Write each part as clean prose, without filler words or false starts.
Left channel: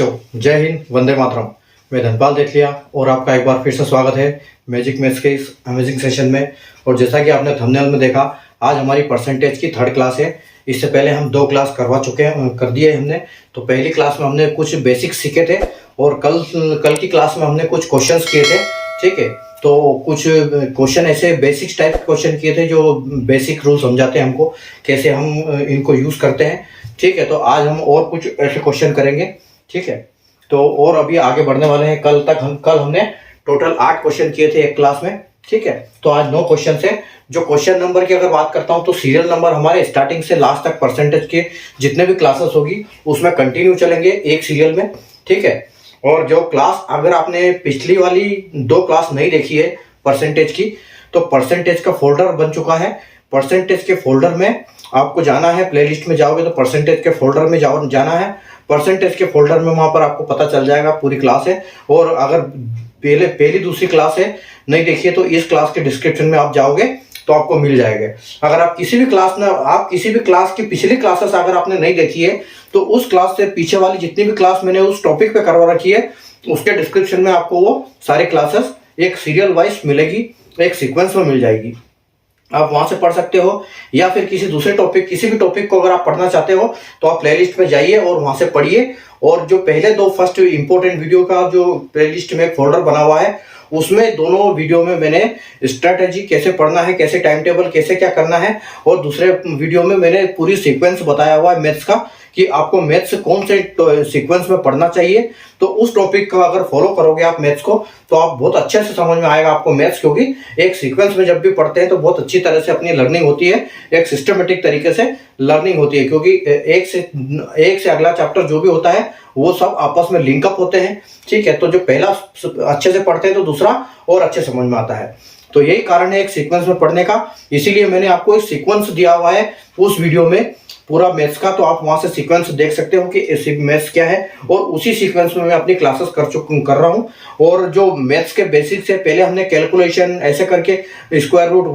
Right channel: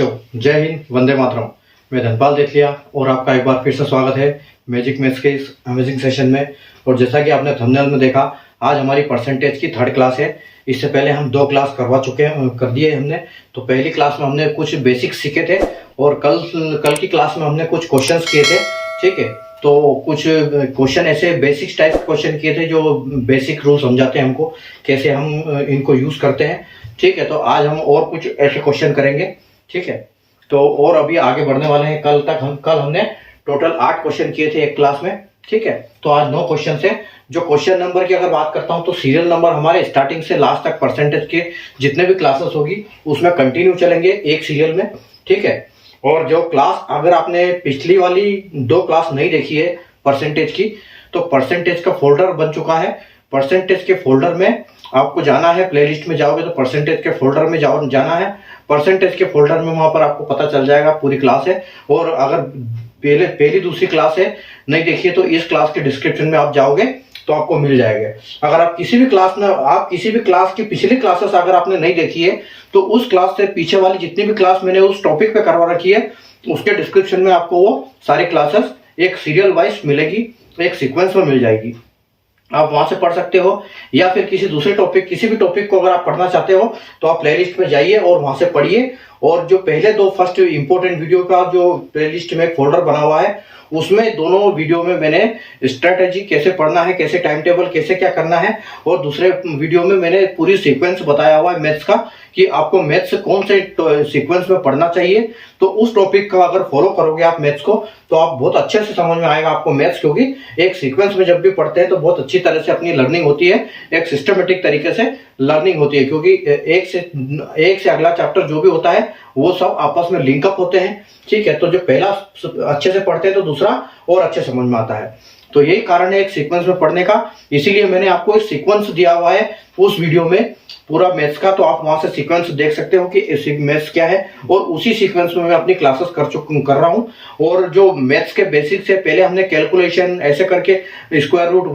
बच्चों, जय हिंद, वंदे मातरम। मैं धनपाल देथलिया और आपका एक बार फिर से स्वागत है मैजिक मैथ्स के इस अमेजिंग सेशन में। और जैसा कि आपने थंबनेल में देखा, आज हमारी परसेंटेज की थर्ड क्लास है। इससे पहले हम 2 क्लास कर दिए हमने। तो पहली क्लास में हमने कुछ बेसिक सीखे थे और कल की क्लास में हमने कुछ क्वेश्चंस किए थे। ठीक है, तो कुछ क्वेश्चन ऐसे बेसिक टाइप क्वेश्चन किए थे जो बेसिक रूल समझाते हैं हमको, कैसे हम इनको यूज़ करते हैं। ठीक है, तो आज हम और कुछ ऐसे क्वेश्चन करेंगे। ठीक है, तो और अभी आगे बढ़ने वाले हैं। कल हमने टोटल 8 क्वेश्चन किए थे एक क्लास में। ठीक है, तो आज 9 क्वेश्चन है। जो क्वेश्चन नंबर की अगर बात करता हूं तो सीरियल नंबर हमारे स्टार्टिंग से लास्ट तक परसेंटेज के जितने भी क्लासेस होगी उसमें कंटिन्यू चलेंगे एक सीरियल में। ठीक है, और जो क्लास अगर आपने पिछली वाली 2 क्लास नहीं देखी है परसेंटेज की, तो परसेंटेज का फोल्डर बन चुका है। परसेंटेज के फोल्डर में आपको जाना है, प्लेलिस्ट में जाओगे तो परसेंटेज के फोल्डर में जाना है। परसेंटेज के फोल्डर में वहां पर आपको पता चल जाएगा पूरी क्लास है। और अगर पहली दूसरी क्लास है नहीं देखिए तो इस क्लास के डिस्क्रिप्शन में आप जाओगे तो आपको मिल जाएगा। अगर आप किसी भी क्लास की पिछली क्लासेस अगर आपने नहीं देखी है तो उस क्लास से पीछे वाली जितनी भी क्लास मैंने उस टॉपिक पे करवा रखी है उसके डिस्क्रिप्शन में आपको वो सारी क्लासेस एक सीरियल वाइज मिलेगी, एक सीक्वेंस में मिल जाएगी। आप वहां से पढ़ सकते हो, या फिर किसी भी टॉपिक को अगर आप पढ़ना चाहते हो तो आप प्लेलिस्ट में जाइए और वहां से पढ़िए। और जो पहले 2 फर्स्ट इंपॉर्टेंट वीडियो का जो प्लेलिस्ट में फोल्डर बना हुआ है उसमें दोनों वीडियो में मैंने स्ट्रैटेजी कैसे पढ़ना है, कैसे टाइम टेबल कैसे क्या करना है, और दूसरे वीडियो में मैंने पूरी सीक्वेंस बताया हुआ है मैथ्स का कि आपको मैथ्स कौन से सीक्वेंस में पढ़ना चाहिए। तो उस टॉपिक का अगर फॉलो करोगे आप मैथ्स को तो आप बहुत अच्छे से समझ में आएगा आपको मैथ्स, क्योंकि एक सीक्वेंस में जब भी पढ़ते हैं तो बहुत अच्छी तरह से अपनी लर्निंग होती है, एक सिस्टमेटिक तरीके से लर्निंग होती है। क्योंकि एक से अगला चैप्टर जो भी होता है वो सब आपस में लिंकअप होते हैं। ठीक है, तो जो पहला अच्छे से पढ़ते हैं तो दूसरा और अच्छे समझ में आता है। तो यही कारण है एक सीक्वेंस में पढ़ने का, इसीलिए मैंने आपको एक सीक्वेंस दिया हुआ है उस वीडियो में पूरा मैथ्स का। तो आप वहां से सीक्वेंस देख सकते हो कि मैथ्स क्या है, और उसी सीक्वेंस में मैं अपनी क्लासेस कर रहा हूं। और जो मैथ्स के बेसिक से पहले हमने कैलकुलेशन ऐसे करके स्क्वायर रूट,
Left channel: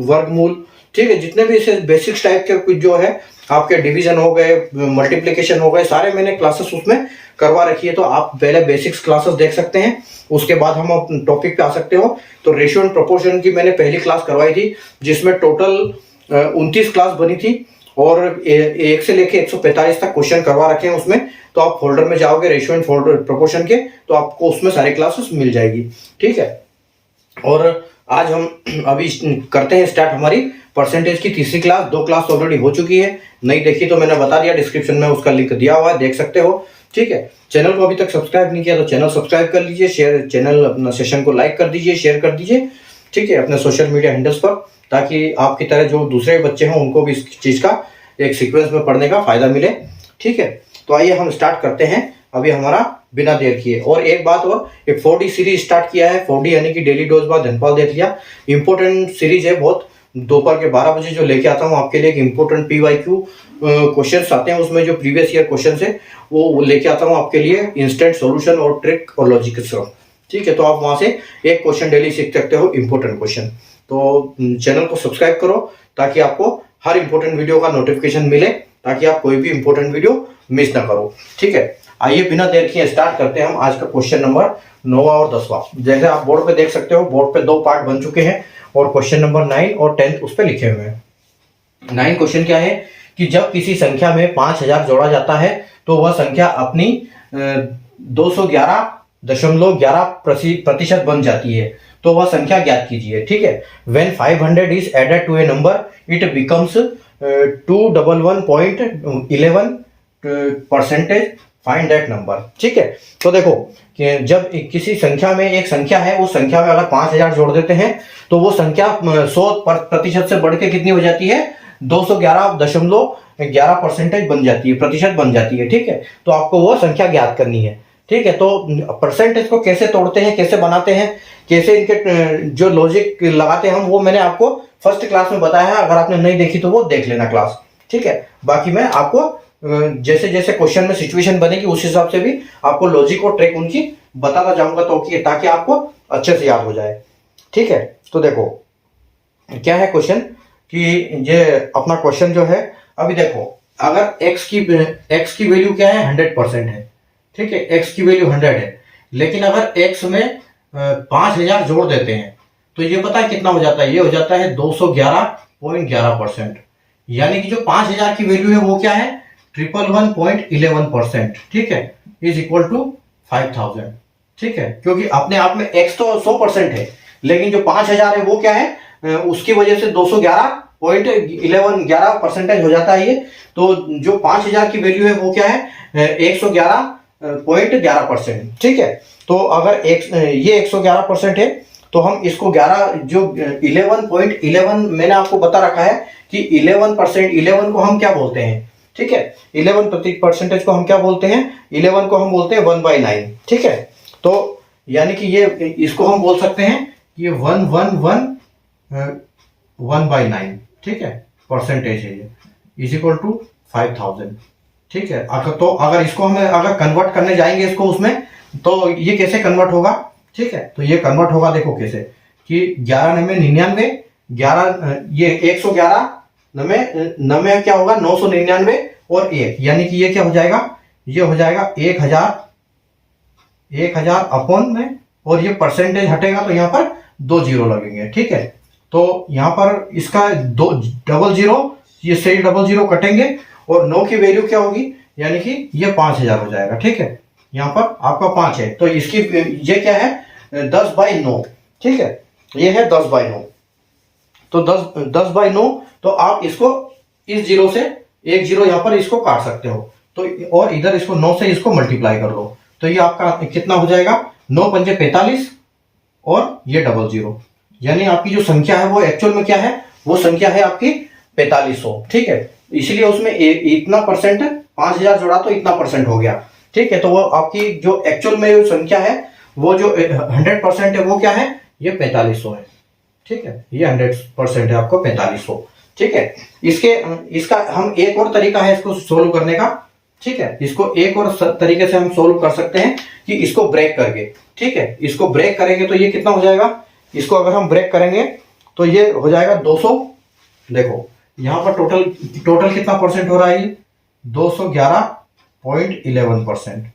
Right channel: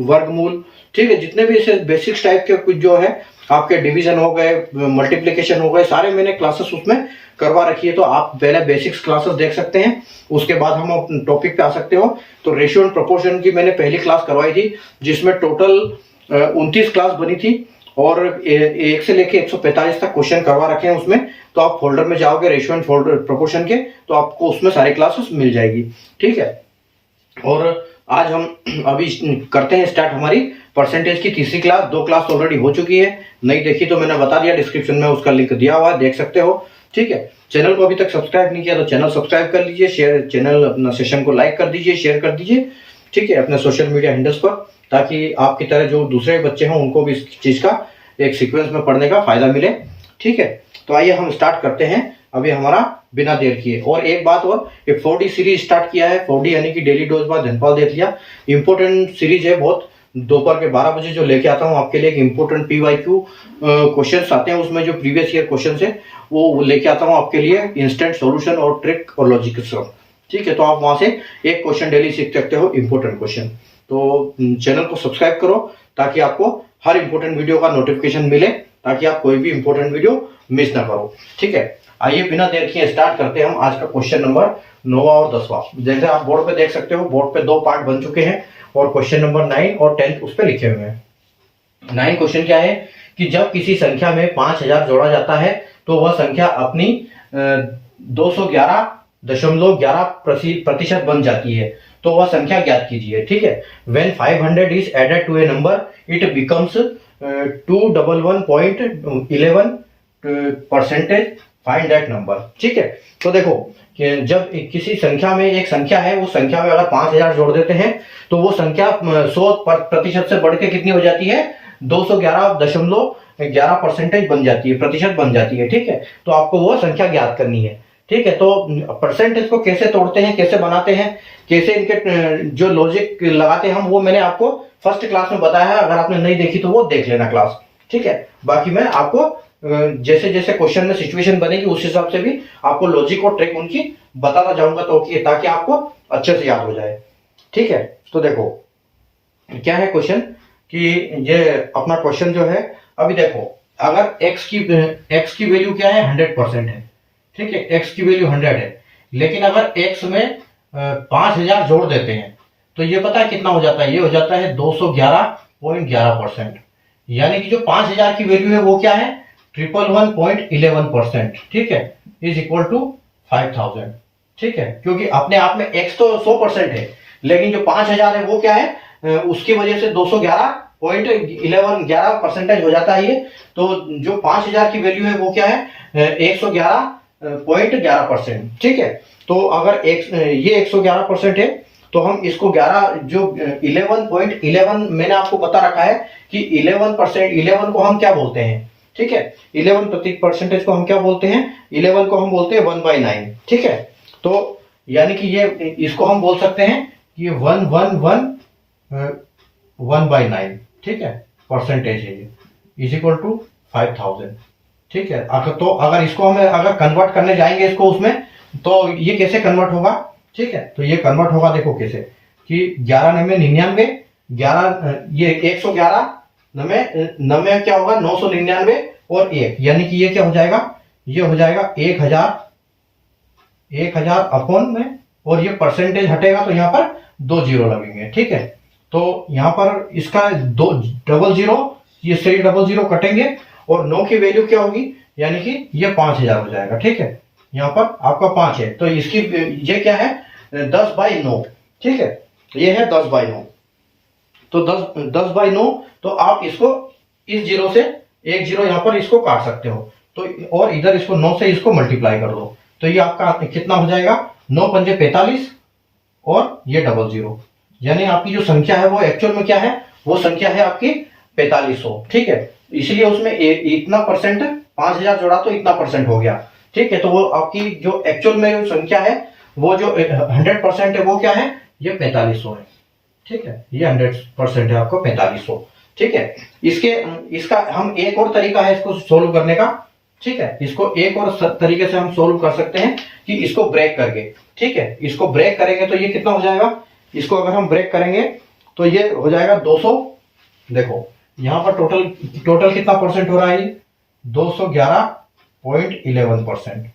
वर्गमूल, ठीक है, जितने भी ऐसे बेसिक्स टाइप के कुछ जो है आपके डिवीजन हो गए, मल्टीप्लिकेशन हो गए, सारे मैंने क्लासेस उसमें करवा रखी है। तो आप पहले बेसिक्स क्लासेस देख सकते हैं, उसके बाद हम टॉपिक पे आ सकते हो। तो रेशियो एंड प्रोपोर्शन की मैंने पहली क्लास करवाई थी जिसमें टोटल 29 क्लास बनी थी और 1 से लेके 145 तक क्वेश्चन करवा रखे हैं उसमें। तो आप फोल्डर में जाओगे रेशियो एंड प्रोपोर्शन के, तो आपको उसमें सारी क्लासेस मिल जाएगी। ठीक है, और आज हम अभी करते हैं स्टार्ट हमारी परसेंटेज की तीसरी क्लास। 2 क्लास ऑलरेडी हो चुकी है, नहीं देखी तो मैंने बता दिया, डिस्क्रिप्शन में उसका लिंक दिया हुआ है, देख सकते हो। ठीक है, चैनल को अभी तक सब्सक्राइब नहीं किया तो चैनल सब्सक्राइब कर लीजिए, चैनल अपना सेशन को लाइक कर दीजिए, शेयर कर दीजिए। ठीक है, अपने सोशल मीडिया हैंडल्स पर, ताकि आपकी तरह जो दूसरे बच्चे हैं उनको भी इस चीज का एक सीक्वेंस में पढ़ने का फायदा मिले। ठीक है, तो आइए हम स्टार्ट करते हैं अभी हमारा बिना देर किए। और एक बात और, एक 4D सीरीज स्टार्ट किया है। 4D यानी कि daily dose by Dhanpal Dethaliya. Important series है बहुत। दोपहर के 12 बजे जो लेके आता हूँ आपके लिए एक इंपॉर्टेंट PYQ क्वेश्चंस आते हैं, उसमें जो प्रीवियस ईयर क्वेश्चन है वो लेके आता हूँ आपके लिए, इंस्टेंट सॉल्यूशन और ट्रिक और लॉजिक के साथ। ठीक है, तो आप वहां से एक क्वेश्चन डेली सीख सकते हो, इंपॉर्टेंट क्वेश्चन। तो चैनल को सब्सक्राइब करो ताकि आपको हर इंपॉर्टेंट वीडियो का नोटिफिकेशन मिले, ताकि आप कोई भी इंपॉर्टेंट वीडियो मिस ना करो। ठीक है, आइए बिना देर किए स्टार्ट करते हैं हम आज का क्वेश्चन नंबर 9वां और 10वां। जैसे आप बोर्ड पे देख सकते हो, बोर्ड पे 2 पार्ट बन चुके हैं और क्वेश्चन नंबर 9 और 10 उस पे लिखे हुए हैं। 9 क्वेश्चन क्या है कि जब किसी संख्या में 5000 जोड़ा जाता है तो वह संख्या अपनी 211.11% बन जाती है, तो वह संख्या ज्ञात कीजिए। ठीक है, when 500 is added to a number it becomes 211.11% find that number. ठीक है, तो देखो कि जब किसी संख्या में एक संख्या है, उस संख्या में अगर 5000 जोड़ देते हैं तो वो संख्या 100% से बढ़ के कितनी हो जाती है, 211.11% बन जाती है, प्रतिशत बन जाती है। ठीक है, तो आपको वो संख्या ज्ञात करनी है। ठीक है, तो परसेंटेज को कैसे तोड़ते हैं, कैसे बनाते हैं, कैसे इनके जो लॉजिक लगाते हैं हम, वो मैंने आपको फर्स्ट क्लास में बताया है। अगर आपने नहीं देखी तो वो देख लेना क्लास। ठीक है, बाकी मैं आपको जैसे जैसे क्वेश्चन में सिचुएशन बनेगी उस हिसाब से भी आपको लॉजिक और ट्रिक उनकी बताता जाऊंगा, तो ताकि आपको अच्छे से याद हो जाए। ठीक है, तो देखो क्या है क्वेश्चन कि ये अपना क्वेश्चन जो है, अभी देखो अगर x की वैल्यू क्या है, 100% है। ठीक है, एक्स की वैल्यू 100 है, लेकिन अगर एक्स में 5000 जोड़ देते हैं तो ये पता है कितना हो जाता है, ये हो जाता है 211.11%। यानी कि जो 5000 की वैल्यू है वो क्या है, 111.11%, ठीक है, इज इक्वल टू 5000, ठीक है, क्योंकि अपने आप में x तो 100% है, लेकिन जो 5000 है वो क्या है, उसकी वजह से 211.11% हो जाता है ये। तो जो 5000 की वैल्यू है वो क्या है, 111.11%, ठीक है। तो अगर ये 111% है तो हम इसको 11 जो 11.11 मैंने आपको बता रखा है कि 11%, 11 को हम क्या बोलते हैं, ठीक है, 11% को हम क्या बोलते हैं, 11 को हम बोलते हैं 1/9, ठीक है। तो यानी कि ये इसको हम बोल सकते हैं कि ये 1/9, ठीक है, परसेंटेज है ये, इज इक्वल टू 5000, ठीक है। तो अगर इसको हम अगर कन्वर्ट करने जाएंगे इसको उसमें, तो ये कैसे कन्वर्ट होगा, ठीक है। तो ये कन्वर्ट होगा, देखो कैसे, कि 11 9 99, 11 ये 111 9 क्या होगा 999 और 1, यानी कि ये क्या हो जाएगा, ये हो जाएगा 1000 अपॉन में, और ये परसेंटेज हटेगा तो यहाँ पर 2 जीरो लगेंगे, ठीक है। तो यहाँ पर इसका 2 डबल जीरो, ये सही डबल जीरो कटेंगे और 9 की वैल्यू क्या होगी, यानी कि ये 5000 हो जाएगा, ठीक है। यहाँ पर आपका 5 है तो इसकी ये क्या है 10/9, ठीक है, ये है 10/9। तो 10/9, तो आप इसको इस जीरो से एक जीरो यहाँ पर इसको काट सकते हो, तो और इधर इसको 9 से इसको मल्टीप्लाई कर दो, तो ये आपका कितना हो जाएगा, 9 पंजे 45 और ये डबल जीरो, यानी आपकी जो संख्या है वो एक्चुअल में क्या है, वो संख्या है आपकी 4500, ठीक है। इसलिए उसमें इतना परसेंट 5000 जोड़ा तो इतना परसेंट हो गया, ठीक है। तो वो आपकी जो एक्चुअल में जो संख्या है वो जो 100% है वो क्या है, ये 4500 है, ठीक है, ये 100% है आपको 4500, ठीक है। इसका हम एक और तरीका है इसको सोल्व करने का, ठीक है, इसको एक और तरीके से हम सोल्व कर सकते हैं कि इसको ब्रेक करके, ठीक है, इसको ब्रेक करेंगे तो ये कितना हो जाएगा, इसको अगर हम ब्रेक करेंगे तो ये हो जाएगा 200, देखो यहाँ पर टोटल कितना परसेंट हो रहा है, ये 211.11%,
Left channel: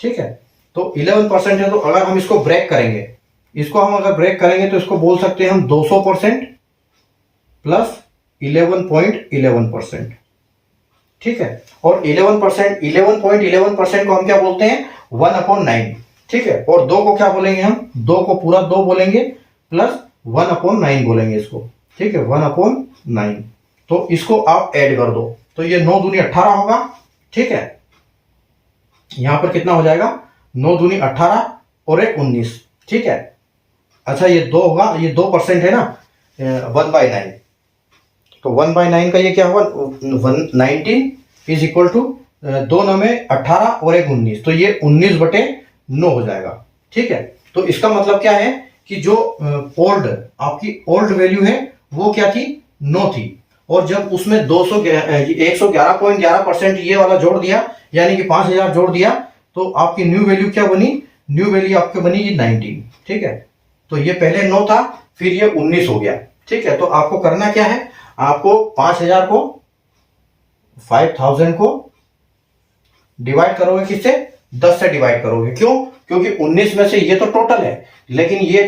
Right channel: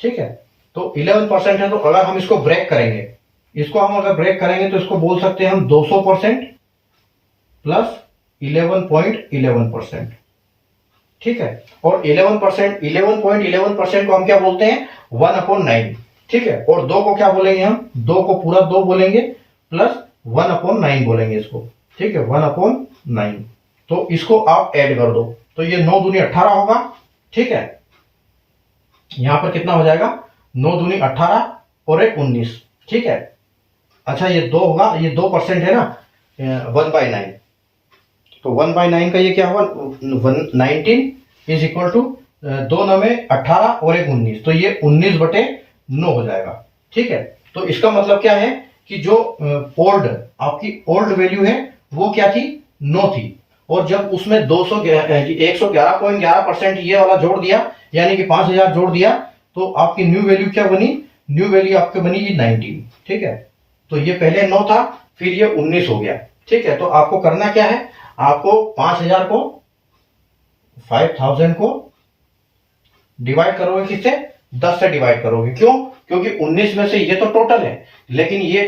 ठीक है। तो 11% है, तो अगर हम इसको ब्रेक करेंगे, इसको हम अगर ब्रेक करेंगे तो इसको बोल सकते हैं हम 200% प्लस 11.11%, ठीक है। और 11.11% को हम क्या बोलते हैं, 1/9, ठीक है। और 2 को क्या बोलेंगे हम, 2 को पूरा 2 बोलेंगे प्लस 1/9 बोलेंगे इसको, ठीक है, 1/9। तो इसको आप ऐड कर दो तो ये 9 दूनी 18 होगा, ठीक है। यहां पर कितना हो जाएगा, 9 दूनी 18 और 1 19, ठीक है। अच्छा ये 2 होगा, ये 2% है ना, 1/9, तो 1/9 का ये क्या होगा, 19 इज इक्वल टू 2 9 में 18 और 1 19, तो ये 19/9 हो जाएगा, ठीक है। तो इसका मतलब क्या है कि जो आपकी ओल्ड वैल्यू है वो क्या थी, 9 थी, और जब उसमें 111.11% ये वाला जोड़ दिया, यानी कि 5000 जोड़ दिया, तो आपकी न्यू वैल्यू क्या बनी, न्यू वैल्यू आपकी बनी 19, ठीक है। तो ये पहले 9 था, फिर ये 19 हो गया, ठीक है। तो आपको करना क्या है, आपको 5000 को डिवाइड करोगे किससे, 10 से डिवाइड करोगे, क्यों, क्योंकि 19 में से ये तो टोटल है, लेकिन ये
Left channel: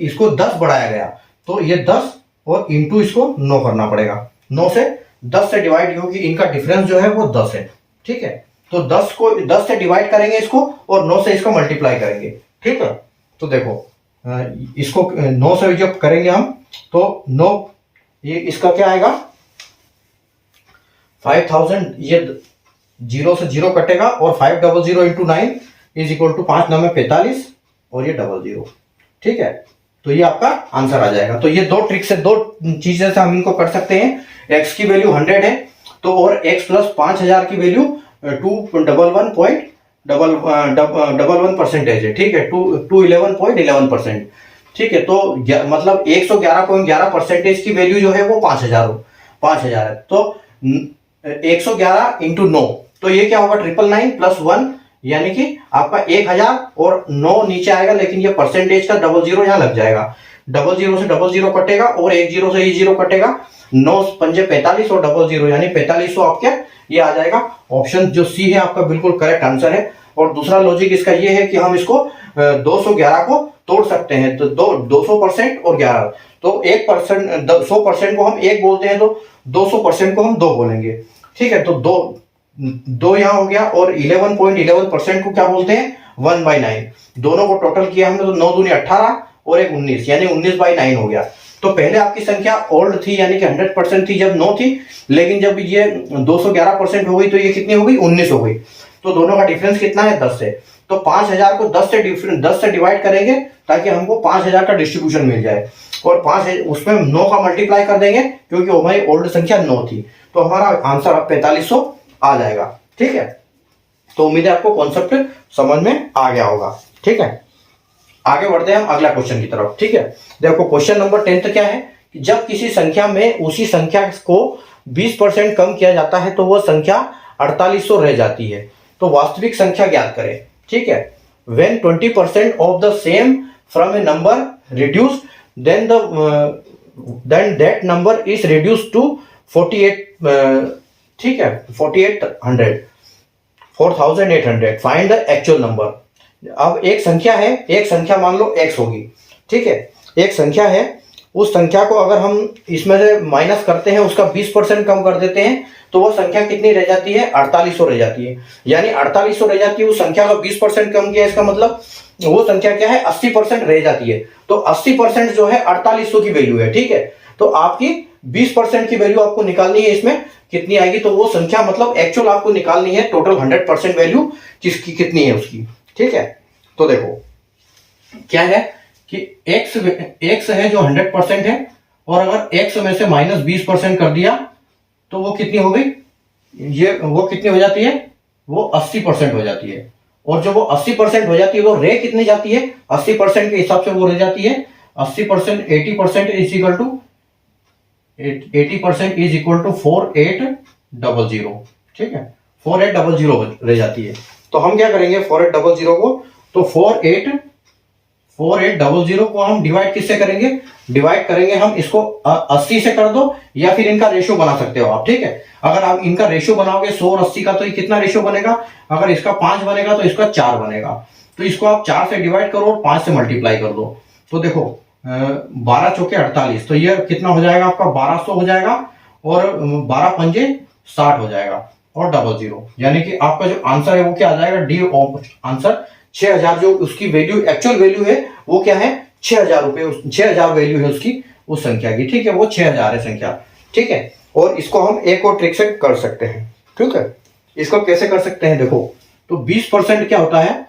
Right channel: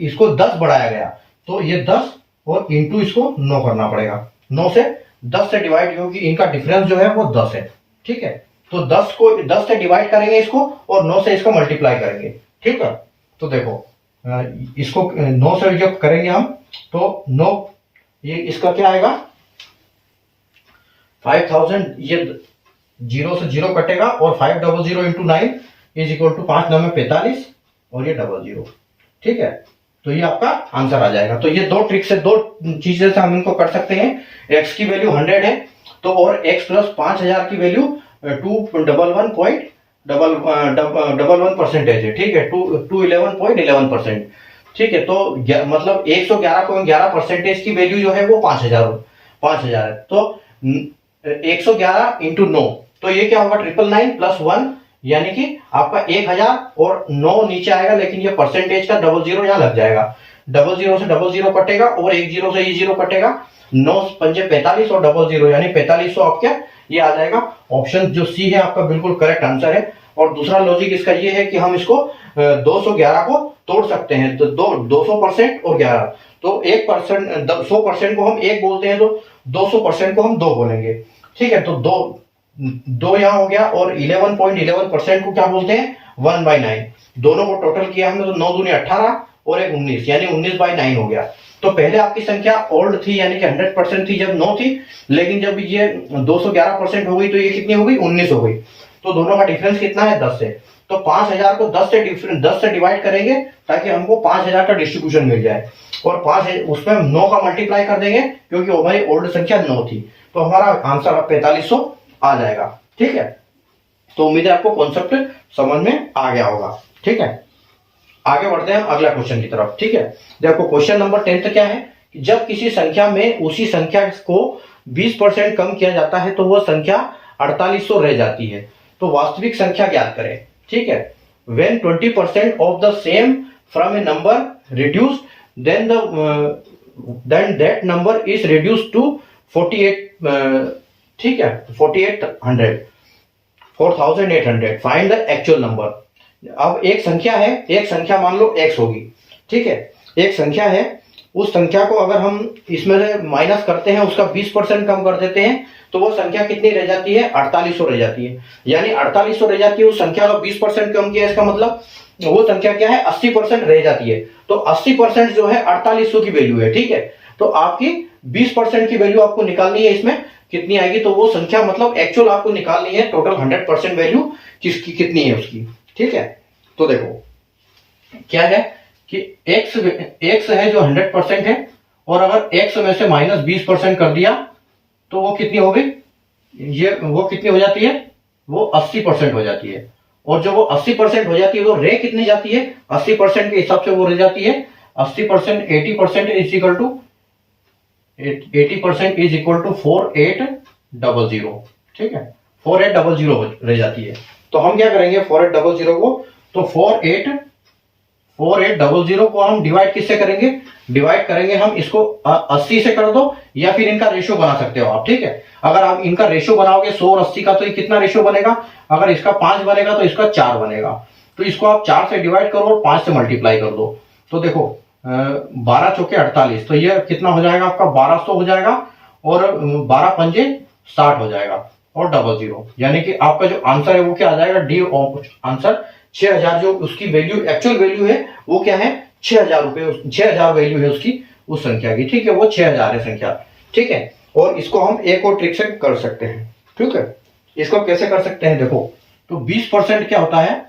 इसको 10 बढ़ाया गया, तो ये 10 और इंटू इसको 9 करना पड़ेगा, 9 से 10 से डिवाइड, क्योंकि इनका डिफरेंस जो है वो 10 है, ठीक है। तो 10 से डिवाइड करेंगे इसको और 9 से इसको मल्टीप्लाई करेंगे, ठीक है। तो देखो इसको 9 से जब करेंगे हम तो 9, ये इसका क्या आएगा 5000, ये 0 से 0 कटेगा और 500 इंटू 9 इज इक्वल टू 5 9 में 45 और ये 00, ठीक है। तो ये आपका आंसर आ जाएगा। तो ये दो ट्रिक से, दो चीजें से हम इनको कर सकते हैं। x की वैल्यू 100 है तो और x प्लस 5000 की वैल्यू 211.11% है, ठीक है, 211.11%, ठीक है। तो मतलब 111.11% की वैल्यू जो है वो 5000 है। तो 111 इंटू 9, तो ये क्या होगा 999 प्लस 1, यानी कि आपका 1000 और 9 नीचे आएगा, लेकिन ये परसेंटेज का 00 यहाँ लग जाएगा, 00 से 00 कटेगा और 10 से 0 कटेगा, 9 पंजे 45 और 00 यानी 4500 आपके ये आ जाएगा। ऑप्शन जो सी है आपका बिल्कुल करेक्ट आंसर है। और दूसरा लॉजिक इसका ये है कि हम इसको 211 को तोड़ सकते हैं, तो 200% और 11, तो 1%, 100% को हम 1 बोलते हैं, तो 200% को हम 2 बोलेंगे, ठीक है। तो 2 यहाँ हो गया, और 11.11% को क्या बोलते हैं, 1/9। दोनों को टोटल किया हमने तो 9 दूनी 18 और 1 19, यानी 19/9 हो गया। तो पहले आपकी संख्या ओल्ड थी यानी कि 100% थी जब 9 थी, लेकिन जब ये 211% हो गई तो ये कितनी हो गई, 19 हो गई। तो दोनों का डिफरेंस कितना है, 10 है। तो 5000 को 10 से डिवाइड करेंगे ताकि हमको 5000 का डिस्ट्रीब्यूशन मिल जाए, और 5 उसमें 9 का मल्टीप्लाई कर देंगे क्योंकि हमारी ओल्ड संख्या 9 थी, तो हमारा आंसर 4500 आ जाएगा, ठीक है। तो उम्मीद है आपको कॉन्सेप्ट समझ में आ गया होगा, ठीक है। आगे बढ़ते हैं हम अगला क्वेश्चन की तरफ, ठीक है। देखो क्वेश्चन नंबर 10 क्या है कि जब किसी संख्या में उसी संख्या को 20% कम किया जाता है तो वो संख्या 4800 रह जाती है, तो वास्तविक संख्या ज्ञात करें, ठीक है। When 20% of the same from a number reduced, then that number is reduced to 48, ठीक है, 4800 फाइंड द एक्चुअल नंबर। अब एक संख्या है, एक संख्या मान लो x होगी, ठीक है, एक संख्या है, उस संख्या को अगर हम इसमें से माइनस करते हैं, उसका 20% कम कर देते हैं, तो वो संख्या कितनी रह जाती है, 4800 रह जाती है, यानी 4800 रह जाती है। उस संख्या का 20% कम किया, इसका मतलब वो संख्या क्या है, 80% रह जाती है। तो 80% जो है 4800 की वैल्यू है, ठीक है। तो आपकी 20% की वैल्यू आपको निकालनी है, इसमें कितनी आएगी, तो वो संख्या मतलब एक्चुअल आपको निकालनी है, टोटल 100% वैल्यू किसकी कितनी है उसकी, ठीक है। तो देखो क्या है कि x है जो 100% है, और अगर x में से माइनस 20% कर दिया तो वो कितनी हो गई, ये वो कितनी हो जाती है, वो 80% हो जाती है। और जो वो 80% हो जाती है वो रह कितनी जाती है, 80% के हिसाब से वो रह जाती है 80%, 80% is equal to 80% is equal to 4800, ठीक है, 4800 रह जाती है। तो हम क्या करेंगे 4800 को, तो 4800 को हम डिवाइड किससे करेंगे, डिवाइड करेंगे हम इसको 80 से कर दो, या फिर इनका रेशियो बना सकते हो आप, ठीक है। अगर आप इनका रेशियो बनाओगे 100 और 80 का, तो ये कितना रेशियो बनेगा, अगर इसका 5 बनेगा तो इसका 4 बनेगा, तो इसको आप 4 से डिवाइड करो और 5 से मल्टीप्लाई कर दो। तो देखो 12 चौके 48, तो ये कितना हो जाएगा आपका 1200 हो जाएगा, और 12 पंजे 60 हो जाएगा, और 00, यानी कि आपका जो आंसर है वो क्या आ जाएगा, डी आंसर 6000, जो उसकी वैल्यू एक्चुअल वैल्यू है वो क्या है, 6000 रुपए, 6000 वैल्यू है उसकी उस संख्या की, ठीक है, वो 6000 है संख्या, ठीक है। और इसको हम एक और ट्रिक से कर सकते हैं, ठीक है। इसको कैसे कर सकते हैं, देखो तो 20% क्या होता है,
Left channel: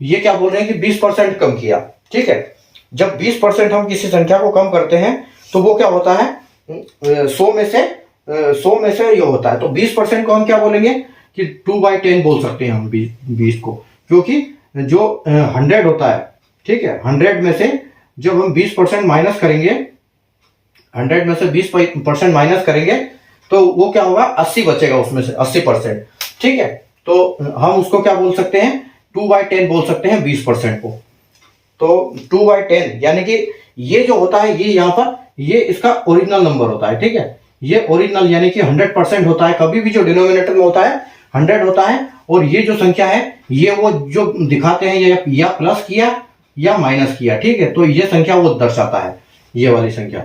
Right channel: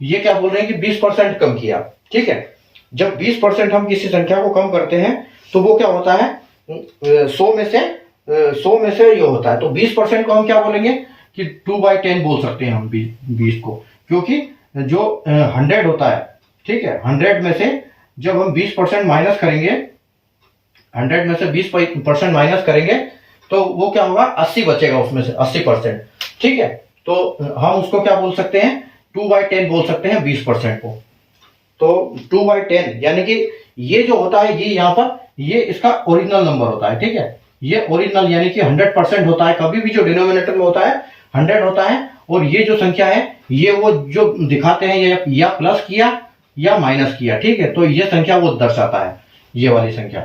ये क्या बोल रहे हैं कि 20% कम किया, ठीक है। जब 20% हम किसी संख्या को कम करते हैं तो वो क्या होता है, 100 में से ये होता है, तो 20% को हम क्या बोलेंगे कि 2/10 बोल सकते हैं हम 20 को, क्योंकि जो 100 होता है, ठीक है, 100 में से जब हम 20% माइनस करेंगे, 100 में से 20% माइनस करेंगे तो वो क्या होगा, 80 बचेगा उसमें से 80%, ठीक है। तो हम उसको क्या बोल सकते हैं, 2/10 बोल सकते हैं 20% को। तो 2/10 यानी कि ये जो होता है, ये यहाँ पर ये इसका ओरिजिनल नंबर होता है, ठीक है, ये ओरिजिनल यानी कि 100% होता है, कभी भी जो डिनोमिनेटर में होता है 100 होता है, और ये जो संख्या है ये वो जो दिखाते हैं ये या प्लस किया या माइनस किया, ठीक है। तो ये संख्या वो दर्शाता है, ये वाली संख्या,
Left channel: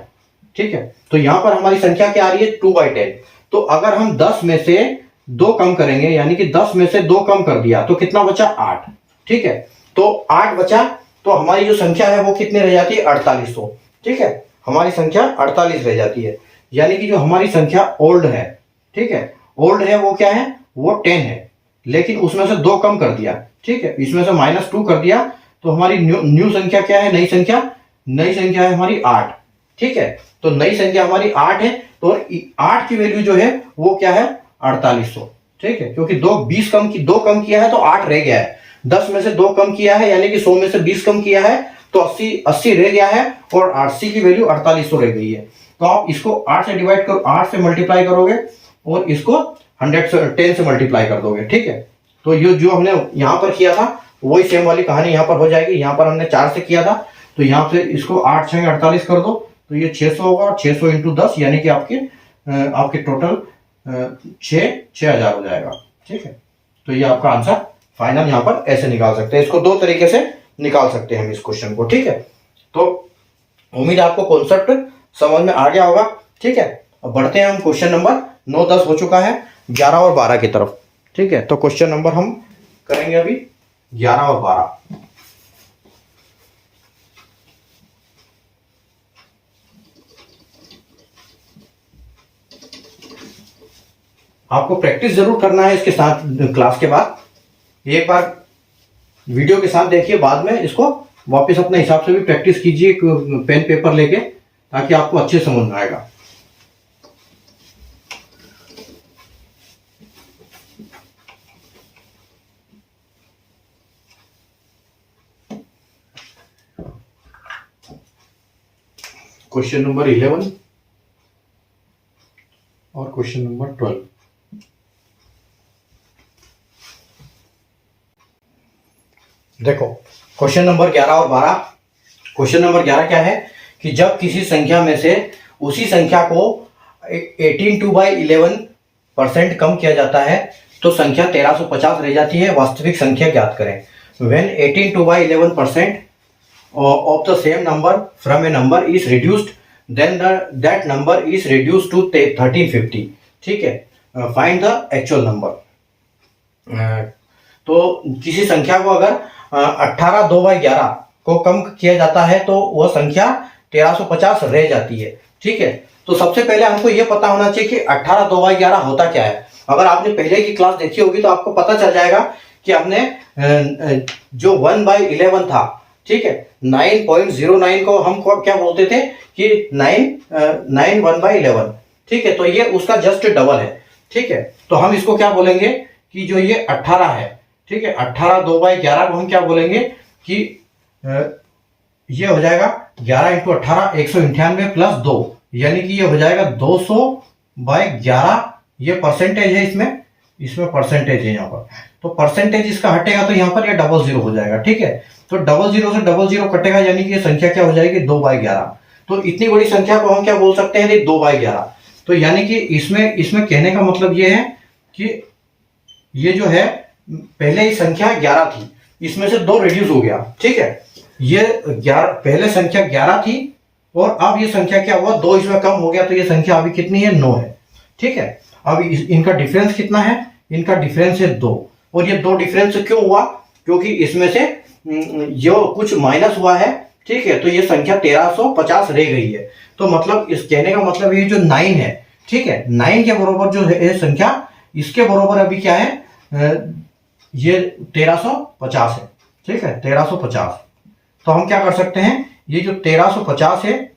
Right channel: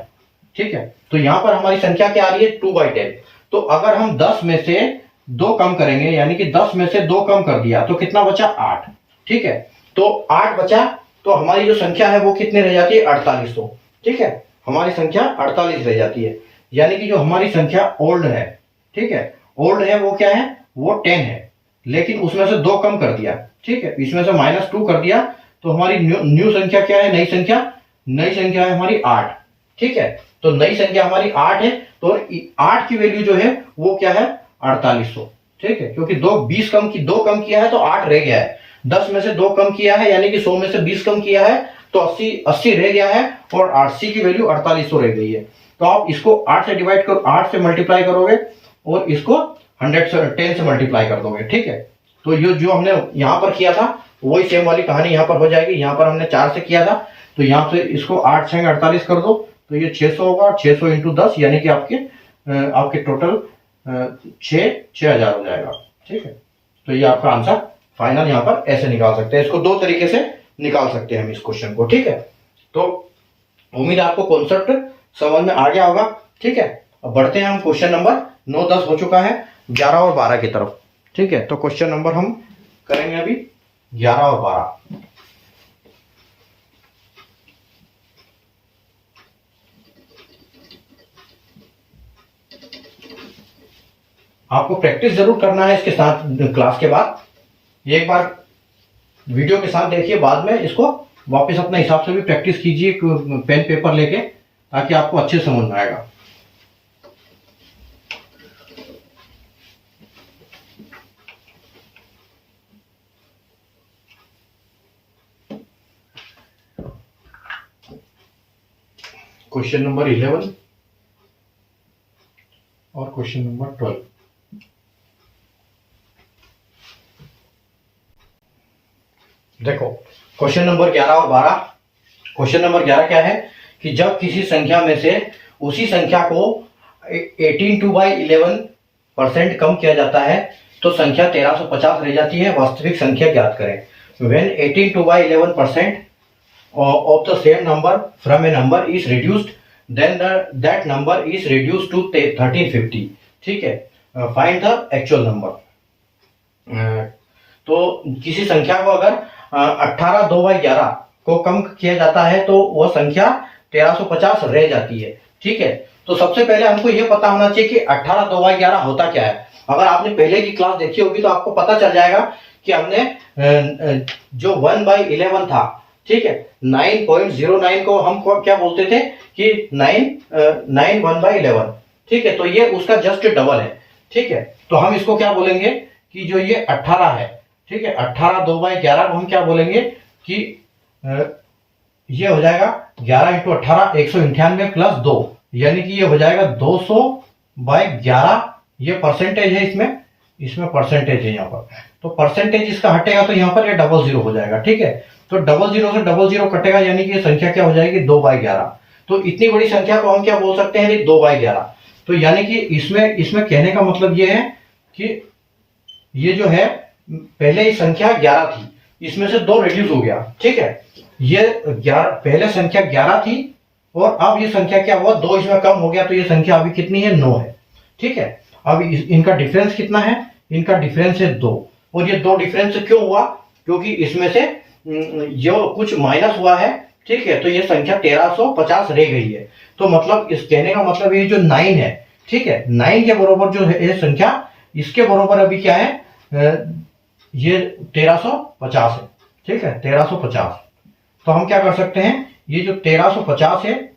ठीक है। तो यहां पर हमारी संख्या क्या आ रही है, 2/10। तो अगर हम 10 में से 2 कम करेंगे, यानी कि 10 में से 2 कम कर दिया तो कितना बचा, 8, ठीक है। तो 8 बचा, तो हमारी जो संख्या है वो कितने रह जाती है, 4800, ठीक है, हमारी संख्या 48 रह जाती है। यानी कि जो हमारी संख्या ओल्ड है, ठीक है, ओल्ड है वो क्या है, वो 10 है, लेकिन उसमें से 2 कम कर दिया, ठीक है, इसमें से -2 कर दिया, तो हमारी न्यू संख्या क्या है, नई संख्या है हमारी 8, ठीक है। तो नई संख्या हमारी 8 है, तो 8 की वैल्यू जो है वो क्या है, 4800, ठीक है, क्योंकि 2 कम किया है तो 8 रह गया है, 10 में से 2 कम किया है यानी कि 100 में से 20 कम किया है तो 80 रह गया है, और 80 की वैल्यू 4800 रह गई है। तो आप इसको 8 से डिवाइड करो, 8 से मल्टीप्लाई करोगे, और इसको 10 से मल्टीप्लाई कर दोगे, ठीक है। तो ये जो हमने यहाँ पर किया था वही सेम वाली कहानी यहाँ पर हो जाएगी। यहाँ पर हमने 4 से किया था, तो यहाँ से इसको 8 6 48 कर दो, तो ये 600 होगा, 600 इंटू 10 यानी कि आपके टोटल 6000 हो जाएगा, ठीक है। तो ये आपका आंसर फाइनल यहाँ पर ऐसे निकाल सकते हैं। इसको दो तरीके से निकाल सकते हैं हम इस क्वेश्चन को, ठीक है। तो उम्मीद है आपको कॉन्सेप्ट समझ में आ गया होगा, ठीक है। अब बढ़ते हैं हम क्वेश्चन नंबर 9, 10 हो चुका है, 11 और 12 की तरफ, ठीक है। तो क्वेश्चन नंबर हम करेंगे अभी 11 और 12। आपको प्रैक्टिस जरूर करना है इसके साथ, क्लास के बाद एक बार वीडियो के साथ देखिए, बाद में इसको वापस अपने हिसाब से भी प्रैक्टिस कीजिए पेन पेपर लेके, ताकि आपको अच्छे समझ में आएगा। क्वेश्चन नंबर 11 और क्वेश्चन नंबर 12। देखो क्वेश्चन नंबर 11 और 12। क्वेश्चन नंबर 11 क्या है कि जब किसी संख्या में से उसी संख्या को 18/11% कम किया जाता है तो संख्या 1350 रह जाती है। वास्तविक संख्या ज्ञात करें। When 18/11% of the same number from a number is reduced, then that number is reduced to 1350, ठीक है। Find the actual number. तो किसी संख्या को अगर 18/2/11 को कम किया जाता है तो वह संख्या 1350 रह जाती है, ठीक है। तो सबसे पहले हमको यह पता होना चाहिए कि 18/2/11 होता क्या है। अगर आपने पहले की क्लास देखी होगी तो आपको पता चल जाएगा कि हमने जो 1/11 था, ठीक है, 9.09 को हम क्या बोलते थे कि 9 1/11, ठीक है। तो ये उसका जस्ट डबल है, ठीक है। तो हम इसको क्या बोलेंगे कि जो ये 18 है, ठीक है, 18/2/11 को हम क्या बोलेंगे कि ये हो जाएगा 11 × 18 198 + 2, यानी कि ये हो जाएगा 200/11। ये परसेंटेज है, इसमें परसेंटेज है यहाँ पर। तो परसेंटेज इसका हटेगा तो यहाँ पर ये 00 हो जाएगा, ठीक है। तो 00 से 00 कटेगा, यानी कि ये संख्या क्या हो जाएगी 2/11। तो इतनी बड़ी संख्या को हम क्या बोल सकते हैं 2/11। तो यानी कि इसमें कहने का मतलब ये है कि ये जो है पहले ही संख्या 11 थी, इसमें से 2 रिड्यूस हो गया, ठीक है। ये 11 पहले संख्या 11 थी और अब ये संख्या क्या हुआ 2 इसमें कम हो गया, तो ये संख्या अभी कितनी है 9 है, ठीक है। अब इनका डिफरेंस कितना है, इनका डिफरेंस है 2। और ये 2 डिफरेंस क्यों हुआ, क्योंकि इसमें से जो कुछ माइनस हुआ है, ठीक है। तो ये संख्या 1350 रह गई है। तो मतलब इस कहने का मतलब ये जो 9 है, ठीक है, 9 के बराबर जो है संख्या, इसके बराबर अभी क्या है ये 1350 है, ठीक है, 1350। तो हम क्या कर सकते हैं, ये जो 1350 है